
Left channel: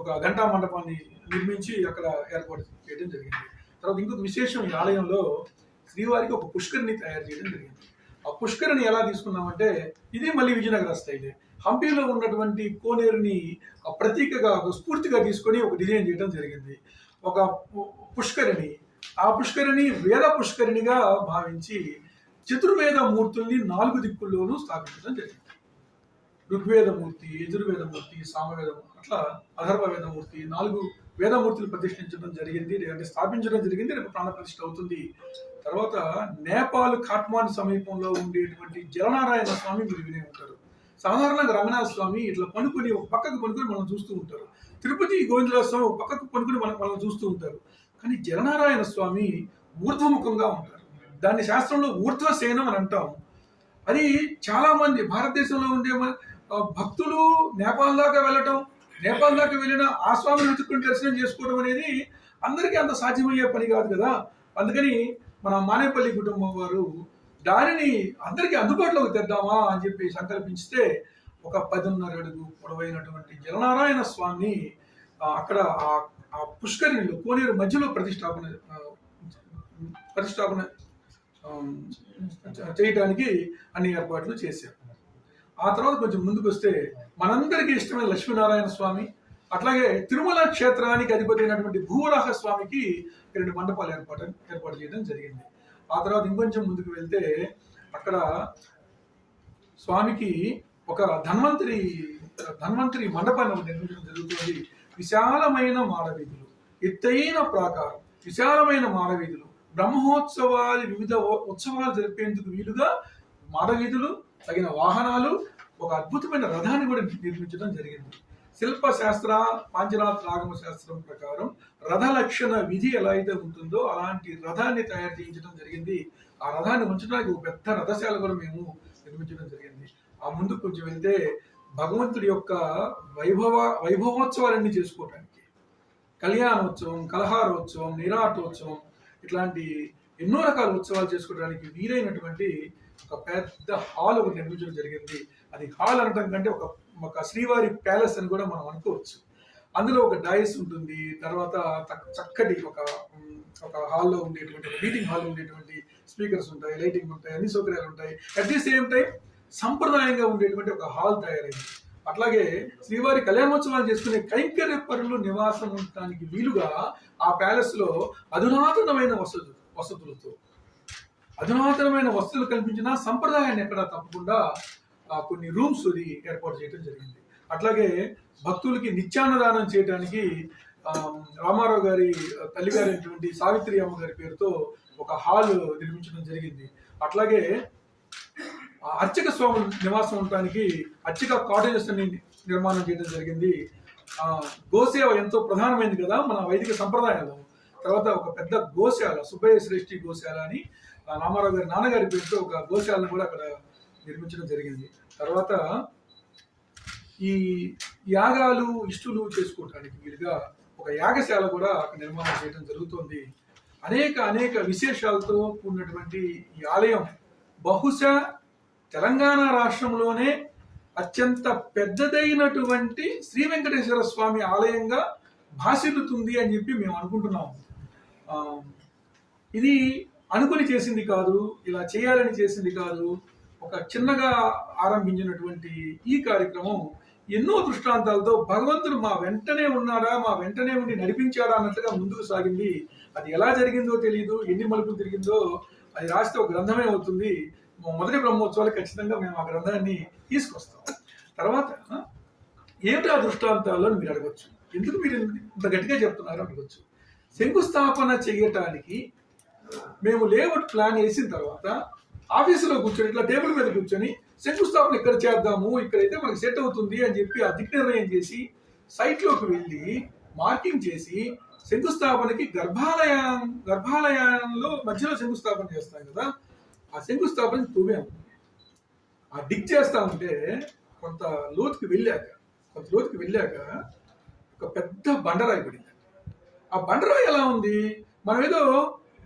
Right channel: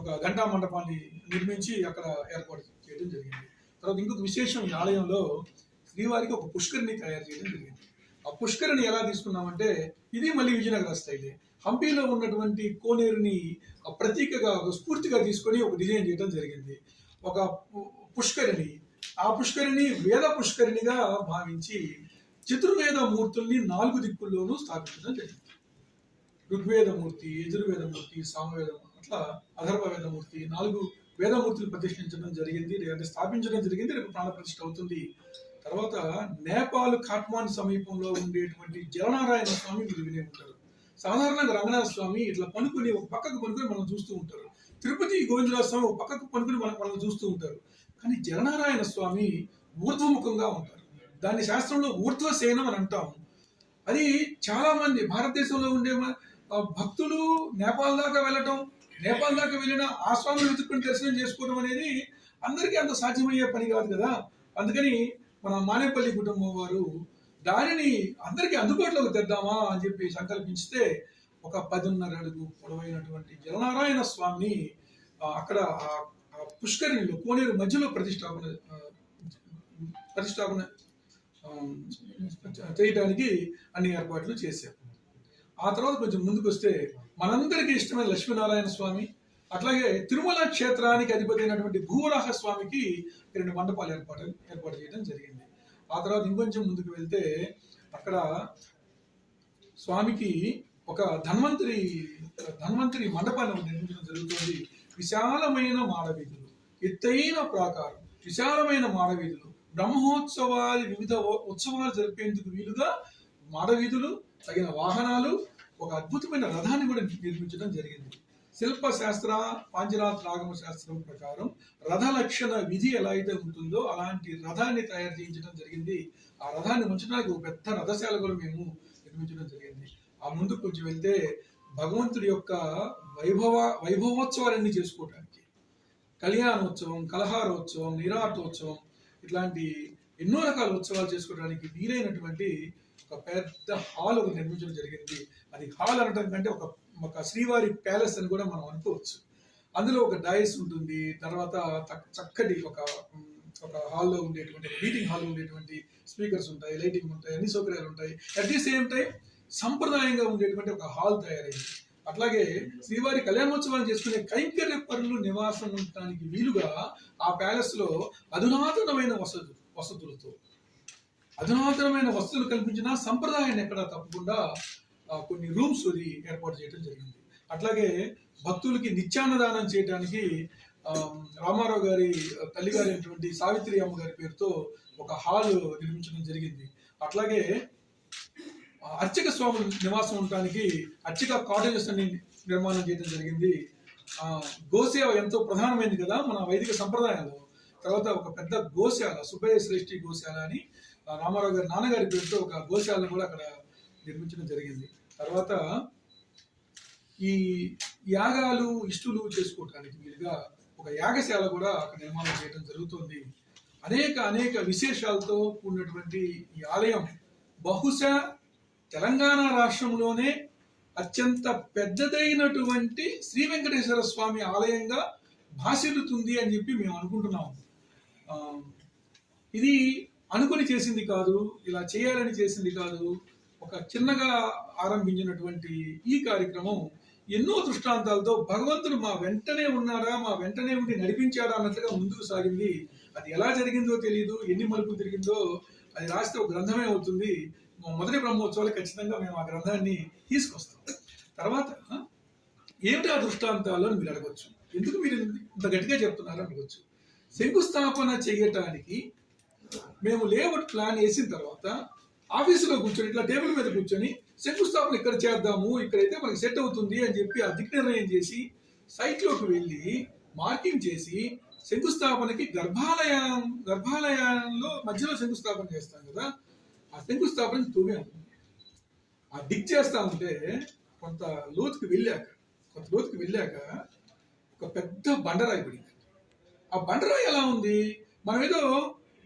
ఒక గంటా మండపాన్ని నిర్మించి అక్కడ ఏర్పాటు చేయడం జరిగింది. తర్వాత ఇంకొక విశేషం, ఈ ఆలయంలో శ్రీవారికి ఒక పుష్కరిణి తయారు చేయడం జరిగింది. ఆ పుష్కరిణి ఎలా తీసుకున్నామంటే ఇది మళ్ళీ విజయనగర స్టైలే. హంపీలో ఉన్నటువంటి కోనేరుని ప్రతీకగా ఒక స్ఫూర్తిగా తీసుకొని ఒక డిజైన్ చేయడం జరిగింది. ఒక పుష్కరిణి, ఆ పుష్కరిణి వేద పుష్కరిణిగా భావించి చతుర్వేద మూర్తుల్ని 4 దిక్కుల్లోనూ స్థాపించడం జరిగింది. ఋగ్వేదమూర్తి, యజుర్వేదమూర్తి, సామవేదమూర్తి, అట్లా అధర్వ వేదమూర్తి 4 వేదమూర్తులు ప్రతిష్ఠించడం జరిగింది, అంటే స్థాపించడం జరిగింది. రేపు ప్రాణ ప్రతిష్ఠ అవుతుంది. తర్వాత నేపాల్ కాట్మాండ్ సమీపంలో ఉండేటువంటి జలనారాయణ స్వామి మీరు వినే ఉంటారు. సాధారణంగా రంగనాథ స్వామి ఇట్లా పనుకొని ఒక పక్కకు పనుకొని మనం చూస్తూ ఉంటారు. తిరుపతి గోవిందరాజ స్వామి ఒక పక్కకు పనుకొని మనం చూస్తూ ఉంటారు. కానీ జలనారాయణ స్వామి ఊర్ధ్వముఖంగా ఉంటారు. దాన్ని శాస్త్రంలో ఊర్ధ్వసేనం అని అంటాం. అది చాలా మంది భారతదేశంలో ఉండే భక్తులు నేపాల్ దాకా వెళ్ళటం, నేపాల్ దాకా వెళ్ళిన ఆ స్వామిని వెతుక్కుని దర్శనం చేసుకోవడం అనేది అందరికీ అంత సాధ్యమయ్యే పని కాదు కదా. అందుకని మన మానేపల్లి కుటుంబం వారు దానిని అందరికీ అందుబాటులోకి తెద్దామా అని చెప్పి సంకల్పిస్తే ఒక 10.5 అడుగు పొడవైనటువంటి జలనారాయణ స్వామిని అక్కడ ఆ పుష్కరిణిలో కోనేరు మధ్యలో ప్రతిష్టాపన చేయడానికి అన్ని ఏర్పాట్లు చేశారు. ఆ తర్వాత కొంచెం ముందుకు వస్తే మనందరికీ ఇష్టమైన లక్ష్మీనారాయణ స్వామి, అట్లాగే తిరుమల క్షేత్రానికి అధిపతి అయినటువంటి భూవరాహ స్వామికి 2 మండపాలు ఏర్పాటు చేయడం జరిగింది. ఆ తర్వాత ఇంకొంచెం ముందుకు వెళ్తే అక్కడ స్వామికి ఒక ధన్వంతరి మండపాన్ని నిర్మించడం జరుగుతుంది. విశాలమైన మాడవీధులు, ఎత్తైన ప్రాకారం, విశాలమైన మాడవీధులు, బ్రహ్మోత్సవాలు, వివిధ ఉత్సవాలు జరిపేందుకు వీలుగా మాడవీధులు, తగిన వాహనాలు, ఒక అద్భుతమైన రథాన్ని కూడా నిర్మించడం జరిగింది. శిల్పశాస్త్ర పాంచరాత్ర ఆగమ శాస్త్రం ప్రకారం రథ లక్షణ విధి ఎలా అయితే ఉంటుందో అలాంటి రథాన్ని తయారు చేయించడం జరిగింది. ఆ రథాన్ని ఉంచడానికి ఒక పెద్ద రథశాల కూడా మేము నిర్మించడం జరిగింది. ఆ ముందుకు కొంచెం వెళ్తే భగవంతుడి యొక్క వైభవోత్సవాలన్నీ చేసుకోవడానికి, కళ్యాణోత్సవం, కలహారోత్సవం, నిరాటోత్సవం, ఇట్లాంటి ఎన్నో రకాల ఉత్సవాలు చేసుకోవడానికి వీలైనటువంటి ఒక పెద్ద హాల్ ఒకటి నిర్మించడం జరిగింది. అది హాల్ అనడం కంటే ఒక శ్రీవారి ప్యాలెస్ అని కూడా మనం అనుకోవచ్చు. అందులో ఒక డైస్ ఉంటుంది, తర్వాత చక్కటి ఒక హాల్లో ఉండేటువంటి మీటింగ్ హాల్లో ఉండేటువంటి స్పీకర్స్ ఉంటాయి, లైటింగ్ ఉంటాయి, అన్ని సౌకర్యాలు ఉంటాయి. అట్ ది సేమ్ టైం సంప్రదాయంగా ఉండేటువంటి ఒక హాల్ తయారైంది. అట్లాగే శ్రీవారి కళ్యాణోత్సవాలు చేసుకునే కైంకర్య పరులు నివాసం ఉండటానికి వీలుగా ఆ ప్యాలెస్ లో అధునాతనమైన వసతులు కల్పించిన సంప్రదాయాన్ని ఎక్కడ తప్పకుండా కొన్ని రూమ్స్ ఏర్పాటు చేయడం జరిగింది. అట్లాగే భక్తులకి నిత్యాన్నదానం చేయడానికి రామారావు గారి తల్లిగారైనటువంటి సావిత్రి అమ్మ గారి పేరుతో ఒక హాల్ నిర్మించడం జరిగింది. అట్లాగే అర్చక స్వామి నివాసం ఉండటానికి అర్చక కాటేజెస్ అన్ని నిర్మాణం చేయడం జరిగింది. గోసేవ ఎంతో ప్రధానమైనది కదా మన వైదిక సంప్రదాయంలో. తర్వాత ఒక పెద్ద గోశాల, సుబ్బయ్య శ్రేష్ఠి గోశాల అని రామారావు గారి నాన్నగారి పేరుతో ఒక గోశాలను కూడా అక్కడ నిర్మించడం జరిగింది. తర్వాత ఈ యాగాలు ఇష్టులు చేసుకోవడానికి వీలుగా ఒక యాగశాల కూడా అక్కడ నిర్మాణం చేయడం జరుగుతుంది. అనేక విశేషాలతో కూడినటువంటి ఈ ఆలయం బహుశా తెలంగాణ రాష్ట్రంలోనే అత్యంత పెద్దదైనటువంటి శ్రీ వెంకటేశ్వర స్వామి ఆలయంగా భాసిల్లుతుంది అని చెప్పి మేము అనుకుంటున్నాము. ఇది అనుకుని చేసింది కాదు, ఇలా చేయాలని చేసింది కాదు. ఒక చిన్నగా ఆరంభించినటువంటి ఈ కార్యక్రమం ఎన్నో దృష్టాంతాలతో భగవంతుడు మా వెంటనే ఉన్నాడా, మా వెంటనే ఉండి నడిపించాడా అన్నట్లుగా ముందుకు సాగింది. అది ఎలా జరిగిందో తెలియదు, ఎన్ని మలుపులు తిరిగిందో అది రాస్తే ఒక గ్రంథమే అవుతుంది. మొదటి బ్రహ్మోత్సవాలు ఖచ్చితంగా మేము ఆ గ్రంథాన్ని తీసుకొస్తాం. తర్వాత ఏమిటి ఆ దృష్టాంతాలు అని మీరు అడగచ్చు. ఎందుకు మీరు ఇంత గట్టిగా చెప్తున్నారు అడగచ్చు. శంకుస్థాపన చేయటానికి మేము లేఅవుట్ ప్లాన్ వేసిన తర్వాత ఆఫీసులో కూర్చొని ఇట్లా టేబుల్ మీద కూర్చొని శంకుస్థాపన ఇక్కడ చేద్దాము, ఇక్కడైతే మనకి సెట్ అవుతుంది అని చెప్పి ఆ దిక్ నిర్ణయం చేసి సైట్లోకి వెళ్ళి మార్కింగ్ చేసి శంకుస్థాపనకి గర్భాలయంలో మధ్యలో శంకుస్థాపన చేస్తాం కదా, ఆ శంకుస్థాపన తవ్వాము. ఆ డిగ్ చేస్తా ఉంటే కొంత లోతుకి వెళ్ళాక ఒక పెద్ద బండరాయి పడింది. ఆ బండరాయి ఎలా ఉంది, మనం ఏదో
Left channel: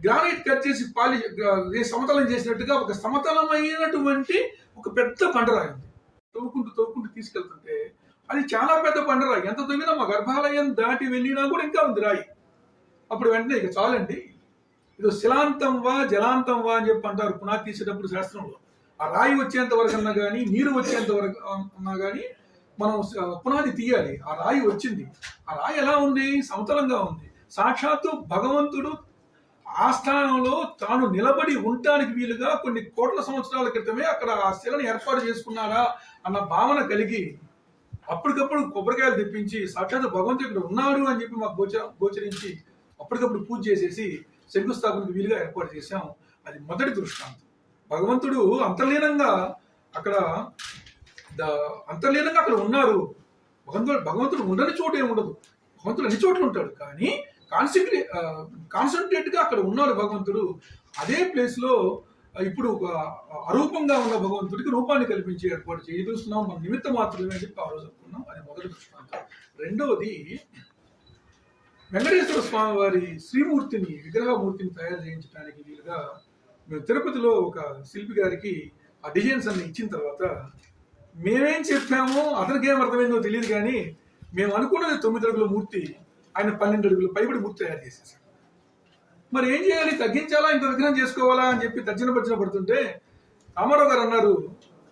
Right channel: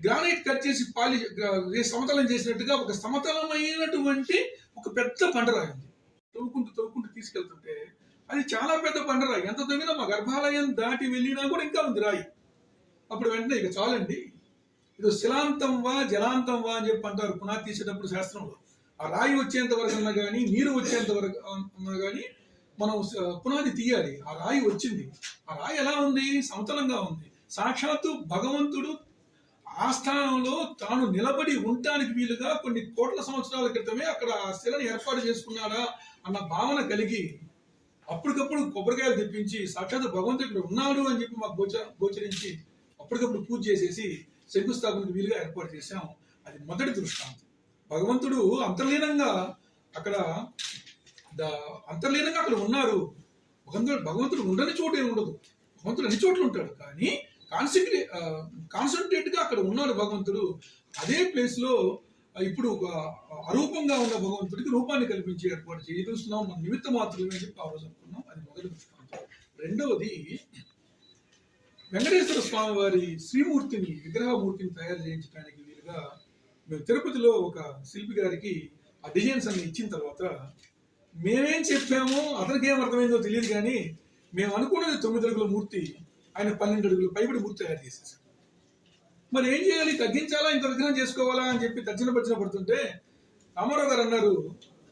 గ్రానైట్ కట్ చేసి సమతలం చేసినట్టుగా ఒక సమతలమైనటువంటి ఒక పెద్ద బండరాయి ఉంది. తవ్వుకుంటూ తీసుకెళ్తుంటే అది చాలా పెద్ద బండరాయి. ఎంత తవ్వినా మా గర్భాలయం దాటి వెళ్ళినా కూడా ఇంకా ఉంది రాయి. అప్పుడు వెంటనే ఇక చాలండి, ఇది శిలాంతం వా జలాంతం వా అని చెప్పి అంటారు పునాది తీసేటప్పుడు శాస్త్రంలో. ఆ రాయి వచ్చేంత వరకు అన్నా కానీ, నీరు వచ్చేంత వరకు అన్నా కానీ మనం పునాది తీయాలి. ఆ రాయి వచ్చింది. ఆ రాయి ఎలా ఉంది, సమతలంగా ఉంది. సాక్షాత్తు భగవంతుడు ఆ స్థానంలో తాను నిలబడి ఉండటానికి వీలుగా కొన్ని కోట్ల సంవత్సరాల క్రితమే అక్కడ ఆ శిలను ఏర్పాటు చేసుకున్నారా అన్న భావన కలిగి అప్పటికప్పుడు కొబ్బరికాయలు తెప్పించి సాక్షాత్ భగవంతుడు ఇక్కడ ఉన్నాడు అని చెప్పి మాకు గోచరించి అప్పటికప్పుడు పూజ చేసేసి శంకుస్థాపనకు వీలుగా ఏర్పాటు చేశాం. అది మొదటి దృష్టాంతం. భగవంతుడు అంతర్లీనంగా అక్కడ ఉన్నారు. భగవంతుడు ఉండని చోటు ఏమి ఉండదు, భగవంతుడు అన్ని చోట్ల ఉంటాడు. కానీ కాన్సన్ట్రేట్ గా అక్కడ ఉన్నాడు భగవంతుడు. అదే ప్లేస్ లో ఇప్పుడు ఒక అరూపంగా ఉన్న భగవంతుడికి రూపాన్ని కల్పించి ఏర్పాటు చూస్తున్నాం. మన నిమిత్త మాత్రమే అని చెప్పి ఆ రోజు అనుకున్నాం. అది మొదటి దృష్టాంతం. రెండవది, వెంకటేశ్వర స్వామి వారి విగ్రహమూర్తిని తయారు చేయించడానికి వీలుగా మేము తిరుపతిలో ఒక శిల్పి గారికి ఆ డిజైన్స్ అన్ని ఇచ్చిన తర్వాత మేమేం చెప్పామో అతనికి ఏం అర్థమైందో తెలియదు, కానీ మేము అనుకున్నది 9 అడుగుల మూర్తి, ఆయన 12 అడుగుల పైబడి మూర్తి తయారు చేసేసాడు. మరి ఏం చేయాలి, తగ్గించాలా, ఇంత విగ్రహం చేసుకోవాలా అని చెప్పి తర్జన పడుతుంటే రామారావు గారు అన్నారు,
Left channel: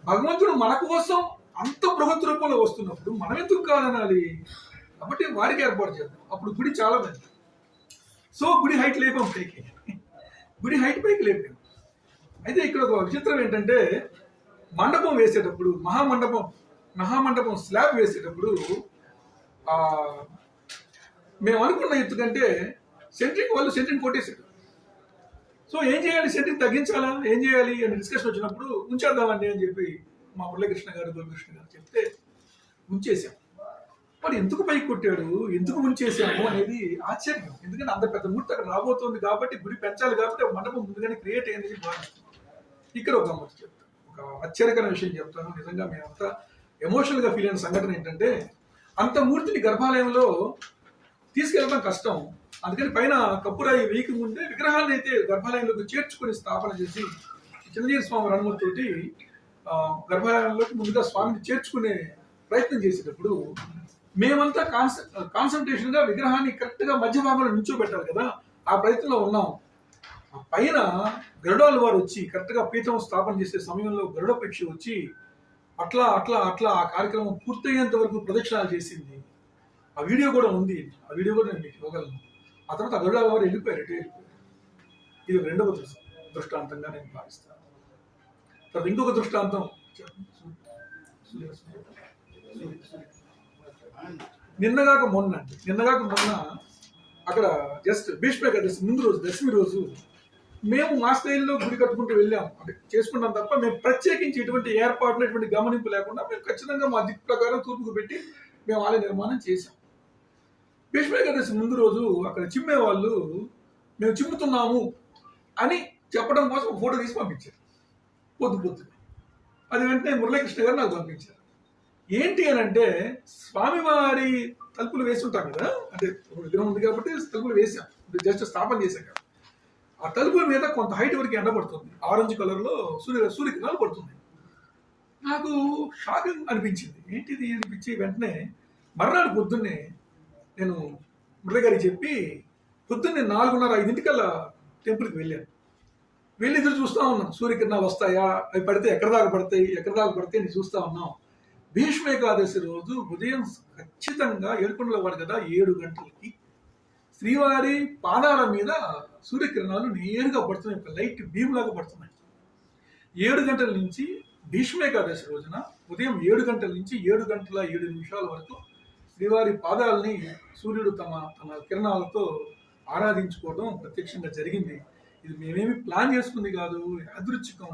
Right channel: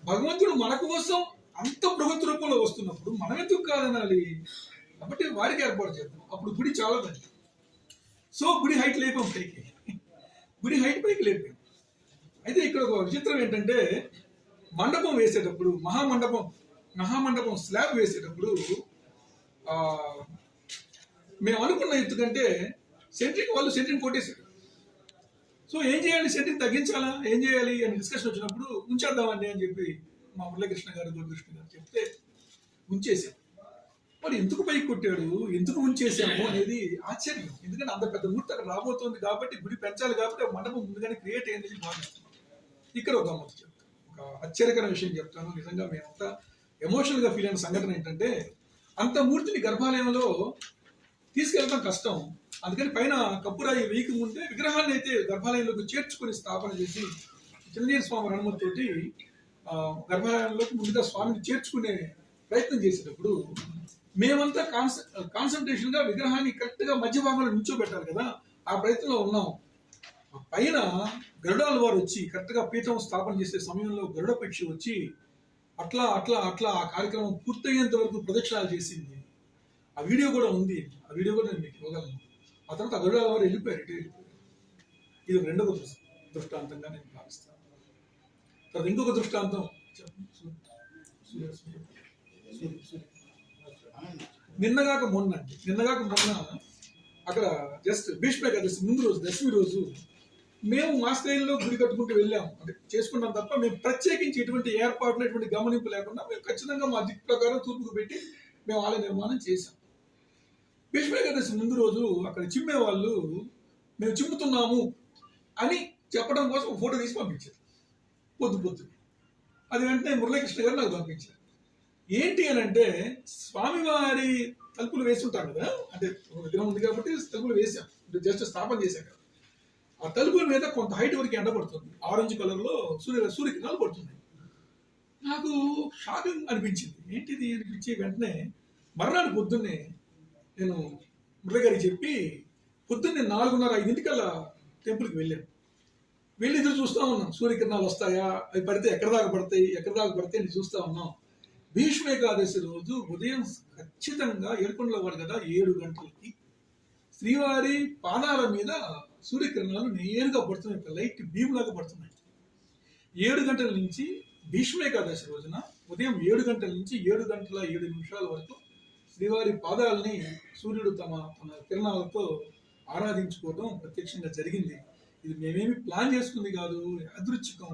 భగవంతుడు మన కోసం అంత బృహత్ రూపంలో వస్తున్నప్పుడు మనం ఎందుకు కాదనాలి, కాబట్టి వారికి ఏర్పాటు చేద్దాం. అప్పుడు గుడి చాలా పెద్ద. సో గుడి హైట్ లేపాం పైకి, అయితే ఇక్కడ ఒక విచిత్రం ఏంటంటే మండపం వేసేటప్పుడు మహామండపం స్లాబ్ వేసేటప్పుడు ఆ మేము అనుకున్న ఎత్తు కంటే సెంట్రింగ్ కొట్టేశారు. సో ఏం చేయాలి, సెంట్రింగ్ తగ్గించాలా, ఏం చేయాలి అని డిస్కషన్ వచ్చినప్పుడు ఉంచేద్దామండి అని చెప్పి మా మురళీకృష్ణ గారు గోపికృష్ణ గారు చెప్తే ఉంచేసాం. మరి ఎందుకు పైకి కొట్టాడు, ఎందుకు ఉంచేసాము అనేది ఆశ్చర్యం. ఎందుకంటే అంత పెద్ద మూర్తి అక్కడ రాబోతోంది కాబట్టి, గుడి పెంచాలి కాబట్టి ఒక మండపం ముందుగానే క్రియేట్ అయిందని భావిస్తున్నాం. ఇక్కడ ఒక గమ్మత్తు చెప్తాను, ఒక ఆశ్చర్యకరమైన విషయం చెప్తాను. నిజంగా మేమంతా ఎమోషనల్ గా ఫీల్ అయిన సంఘటన ఏంటంటే, అంత మూర్తిని గర్భాలయంలో తీసుకెళ్ళడం కష్టం. అందుకని పైన కప్పురాయి వేయక ముందే విగ్రహాన్ని అయితే గర్భాలయంలోకి చేర్చుకొని స్థాపన చేసి చిన్నజీవి స్వామి రణమూర్తితోటి గర్భాలయంలోకి ముందుగా స్వామిని చేర్చుకునే ప్రయత్నం చేసేటప్పుడు మేమంతా కాన్సన్ట్రేషన్ గా విగ్రహాన్ని కరెక్ట్ గా మధ్య భాగంలో నిల్చోబెట్టాలి కదా, ఆ ప్రయత్నంలో ఉన్నాం. ఆ పైన గరుడాల వారు వచ్చి కరెక్ట్ గా పీఠం స్థాపన చేసే సమయంలో గరుడ పక్షి వచ్చి అట్లా అట్లా అట్లా ఆ కార్యక్రమం పూర్తయ్యేంత వరకు ప్రదక్షిణాలు చేసింది. ఆ వీడియో కూడా ఉంది, ఆ వీడియో కూడా నేను మీకు ఇవ్వగలను. ఆ తర్వాత ఆ గరుడాల వారు వెళ్ళిపోయారు. ఇది రెండవ దృష్టాంతంగా నేను భావిస్తాను. తర్వాత ఇంకొక దృష్టాంతం నిన్నగాక మొన్న అక్కడ జస్ట్ భీష్మ ఏకాదశి ముందు రోజు, దశమి రోజు మేము మా స్థాయిలో గుడి కట్టుకుంటూ వెళ్ళాము, అంటే చేసుకుంటాం తప్ప మేము ప్రత్యేకించి ఎటువంటి ఏర్పాట్లు ఎటువంటి గమనింపు లేకుండా మేము ఖచ్చితంగా మా దిక్కు ప్రకారం తూర్పుకు పెట్టి మేము ఆలయ నిర్మాణం చేశాం. భీష్మ ఏకాదశి ముందు రోజు అక్కడ చిమ్మే వాళ్ళు మేము చిమ్ముతున్నాము అని చెప్పడం కోసం ఫోటో తీసి పంపించారు పొద్దున. అది వెంటనే మురళీకృష్ణ గారు నాకు పంపించారు. ఏంటి అని అంటే, స్వామివారి తలుపులు వేసి ఉంటాం కదా, అంటే ఒక విగ్రహం ఉంది కాబట్టి తలుపులు వేసాం, జస్ట్ స్థాపన చేశాక ఆ తలుపుల మీద కొంత హైట్ వరకు ఎండ పడుతుంది, ఆరెంజ్ కలర్ లో సూర్యకిరణాలు పడుతుంది. నాకు షాకింగ్ అనిపించింది, ఏంటిది అనిపించి వెంటనే మర్నాడు పొద్దున్నే నేను మురళి గారికి చెప్పి పొద్దున్నే 4:30-5 టెంపుల్కి వెళ్ళాను. వెళ్ళి ఎదురు చూస్తూ ఉన్నాం, సూర్యకిరణాలు వస్తాయా, అవి పడితే ఎక్కడ దాకా పడతాయి అని చూస్తూ ఉన్నాం. భీష్మ ఏకాదశి రోజు ఉదయం ఖచ్చితంగా ఏడుకొండల వారు కదా 7 గంటలకి శ్రీవారి పాదాల మీద సూర్యకిరణాలు నేరుగా పడుతున్నాయి, ఒక లైట్ బీమ్ లాగా పడుతున్నాయి. 7 గంటల నుంచి భీష్మ ఏకాదశి రోజున ఉదయం 7 గంటల నుంచి 7:07 వరకు శ్రీవారి పాదాలని సూర్యుడు తమ కిరణాలతో ఆరాధించుకోవడం ప్రత్యక్షంగా జరిగింది. ఇది మేమేమి ప్లాన్ చేసుకుంది కాదు, యాదృచ్ఛికం.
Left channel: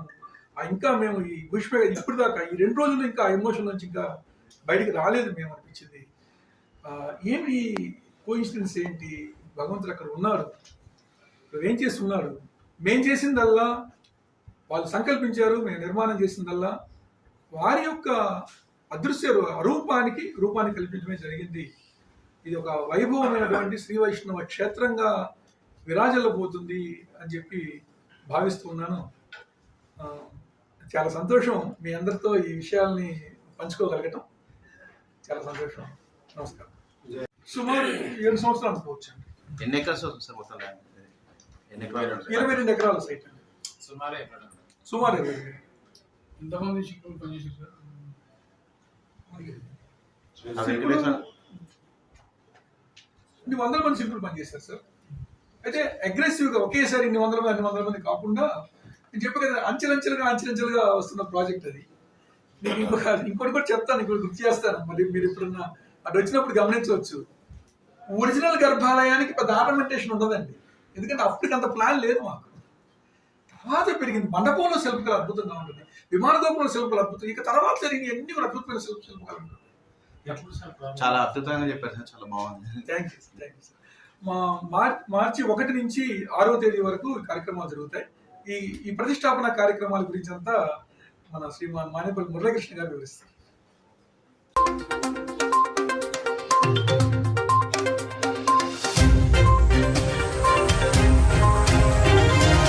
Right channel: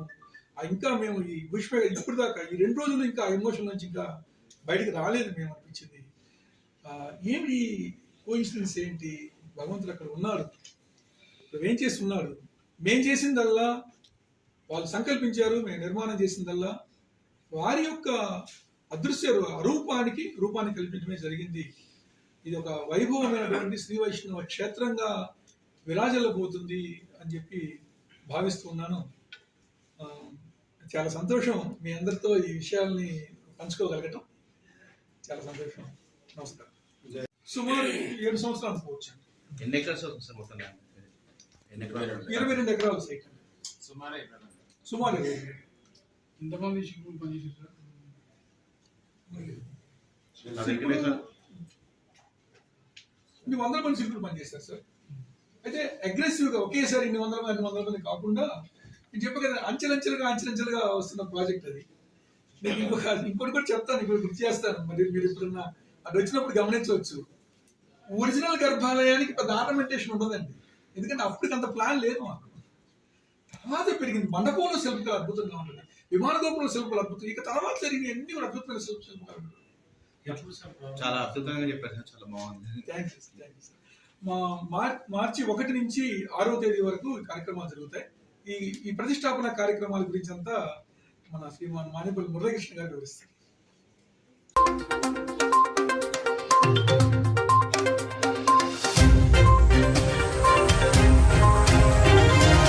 ఇంకా మేము ఈ భీష్మ ఇప్పుడు దాకా ఈ 2 రోజులు ఇంకా ఎమోషన్ నుంచి ఇంకా బయటికి రాలేదు మేము అనిపించింది. ఏమి కోఇన్సిడెన్స్ ఏంటి, భగవంతుడు అక్కడ ఉన్నాడు, ఏం చేస్తున్నాడు. మేం చేసిందల్లా వాళ్ళు సంకల్పించారు, మేము నిర్మాణం చేసిందల్లా వారి యొక్క అదృశ్య రూపాన్ని కల్పించడమే జరిగింది. ఇది ఒక వైభవమైనటువంటి శ్రీ వైష్ణవ క్షేత్రంగా విరాజిల్లబోతుంది అని చెప్పి భావిస్తూ ఉన్నాను. చాలా సంతోషం మీ అందరితో ఈ విషయాల్ని పంచుకోగలగటం, చాలా సంతోషం. నమస్కారం. సుమారు 7 సంవత్సరాలు అనుకోవచ్చు. ఎన్ని ఎకరాలు సార్ మొత్తం? 22 ఎకరాల సైట్ అండి. సుమారు ఎంతమంది శిల్పులు పనిచేసారు సార్? ఇన్ని 100 మంది శిల్పులు పనిచేశారు సార్. అయితే అగ్రెసివ్ గా ఒకేసారి ఇన్ని 100 మంది కాకుండా నేను చెప్పాను కదా, అంచెలంచెలుగా వస్తున్న ప్రాజెక్ట్ అది. నేను ఇంకోటి కూడా చెప్తాను, ఇప్పుడు గుర్తు చేస్తాను, మరి మీరు ఎప్పుడన్నా అటు వచ్చినప్పుడు గమనించవచ్చు. ఒరిజినల్ గర్భాలయానికి పెద్ద ఆర్నమెంటేషన్ ఉండదండి, ఎందుకంటే అప్పటికంత ప్లాన్ లేదు మాకు. తర్వాత పెరిగింది, మండపంలో శిల్పకళ అద్భుతంగా ఉంటుంది, విమాన గోపురంలో శిల్పకళ అద్భుతం, ఇక తర్వాత జరిగిన ఎన్ని కూడా అద్భుతమైన శిల్పకళ ఉంటుంది. చాలా అద్భుతంగా చెప్పారు సార్, చాలా బాగుంది. Thank you sir. మార్చి 1 నుంచి 6వ తేదీ వరకు ఈ కార్యక్రమాలు జరుగుతాయి. ఈ ప్రతిష్టాపన కార్యక్రమాల గురించి అంతా మన శ్రీమాన్ మానేపల్లి మురళీకృష్ణ గారు వివరిస్తారు.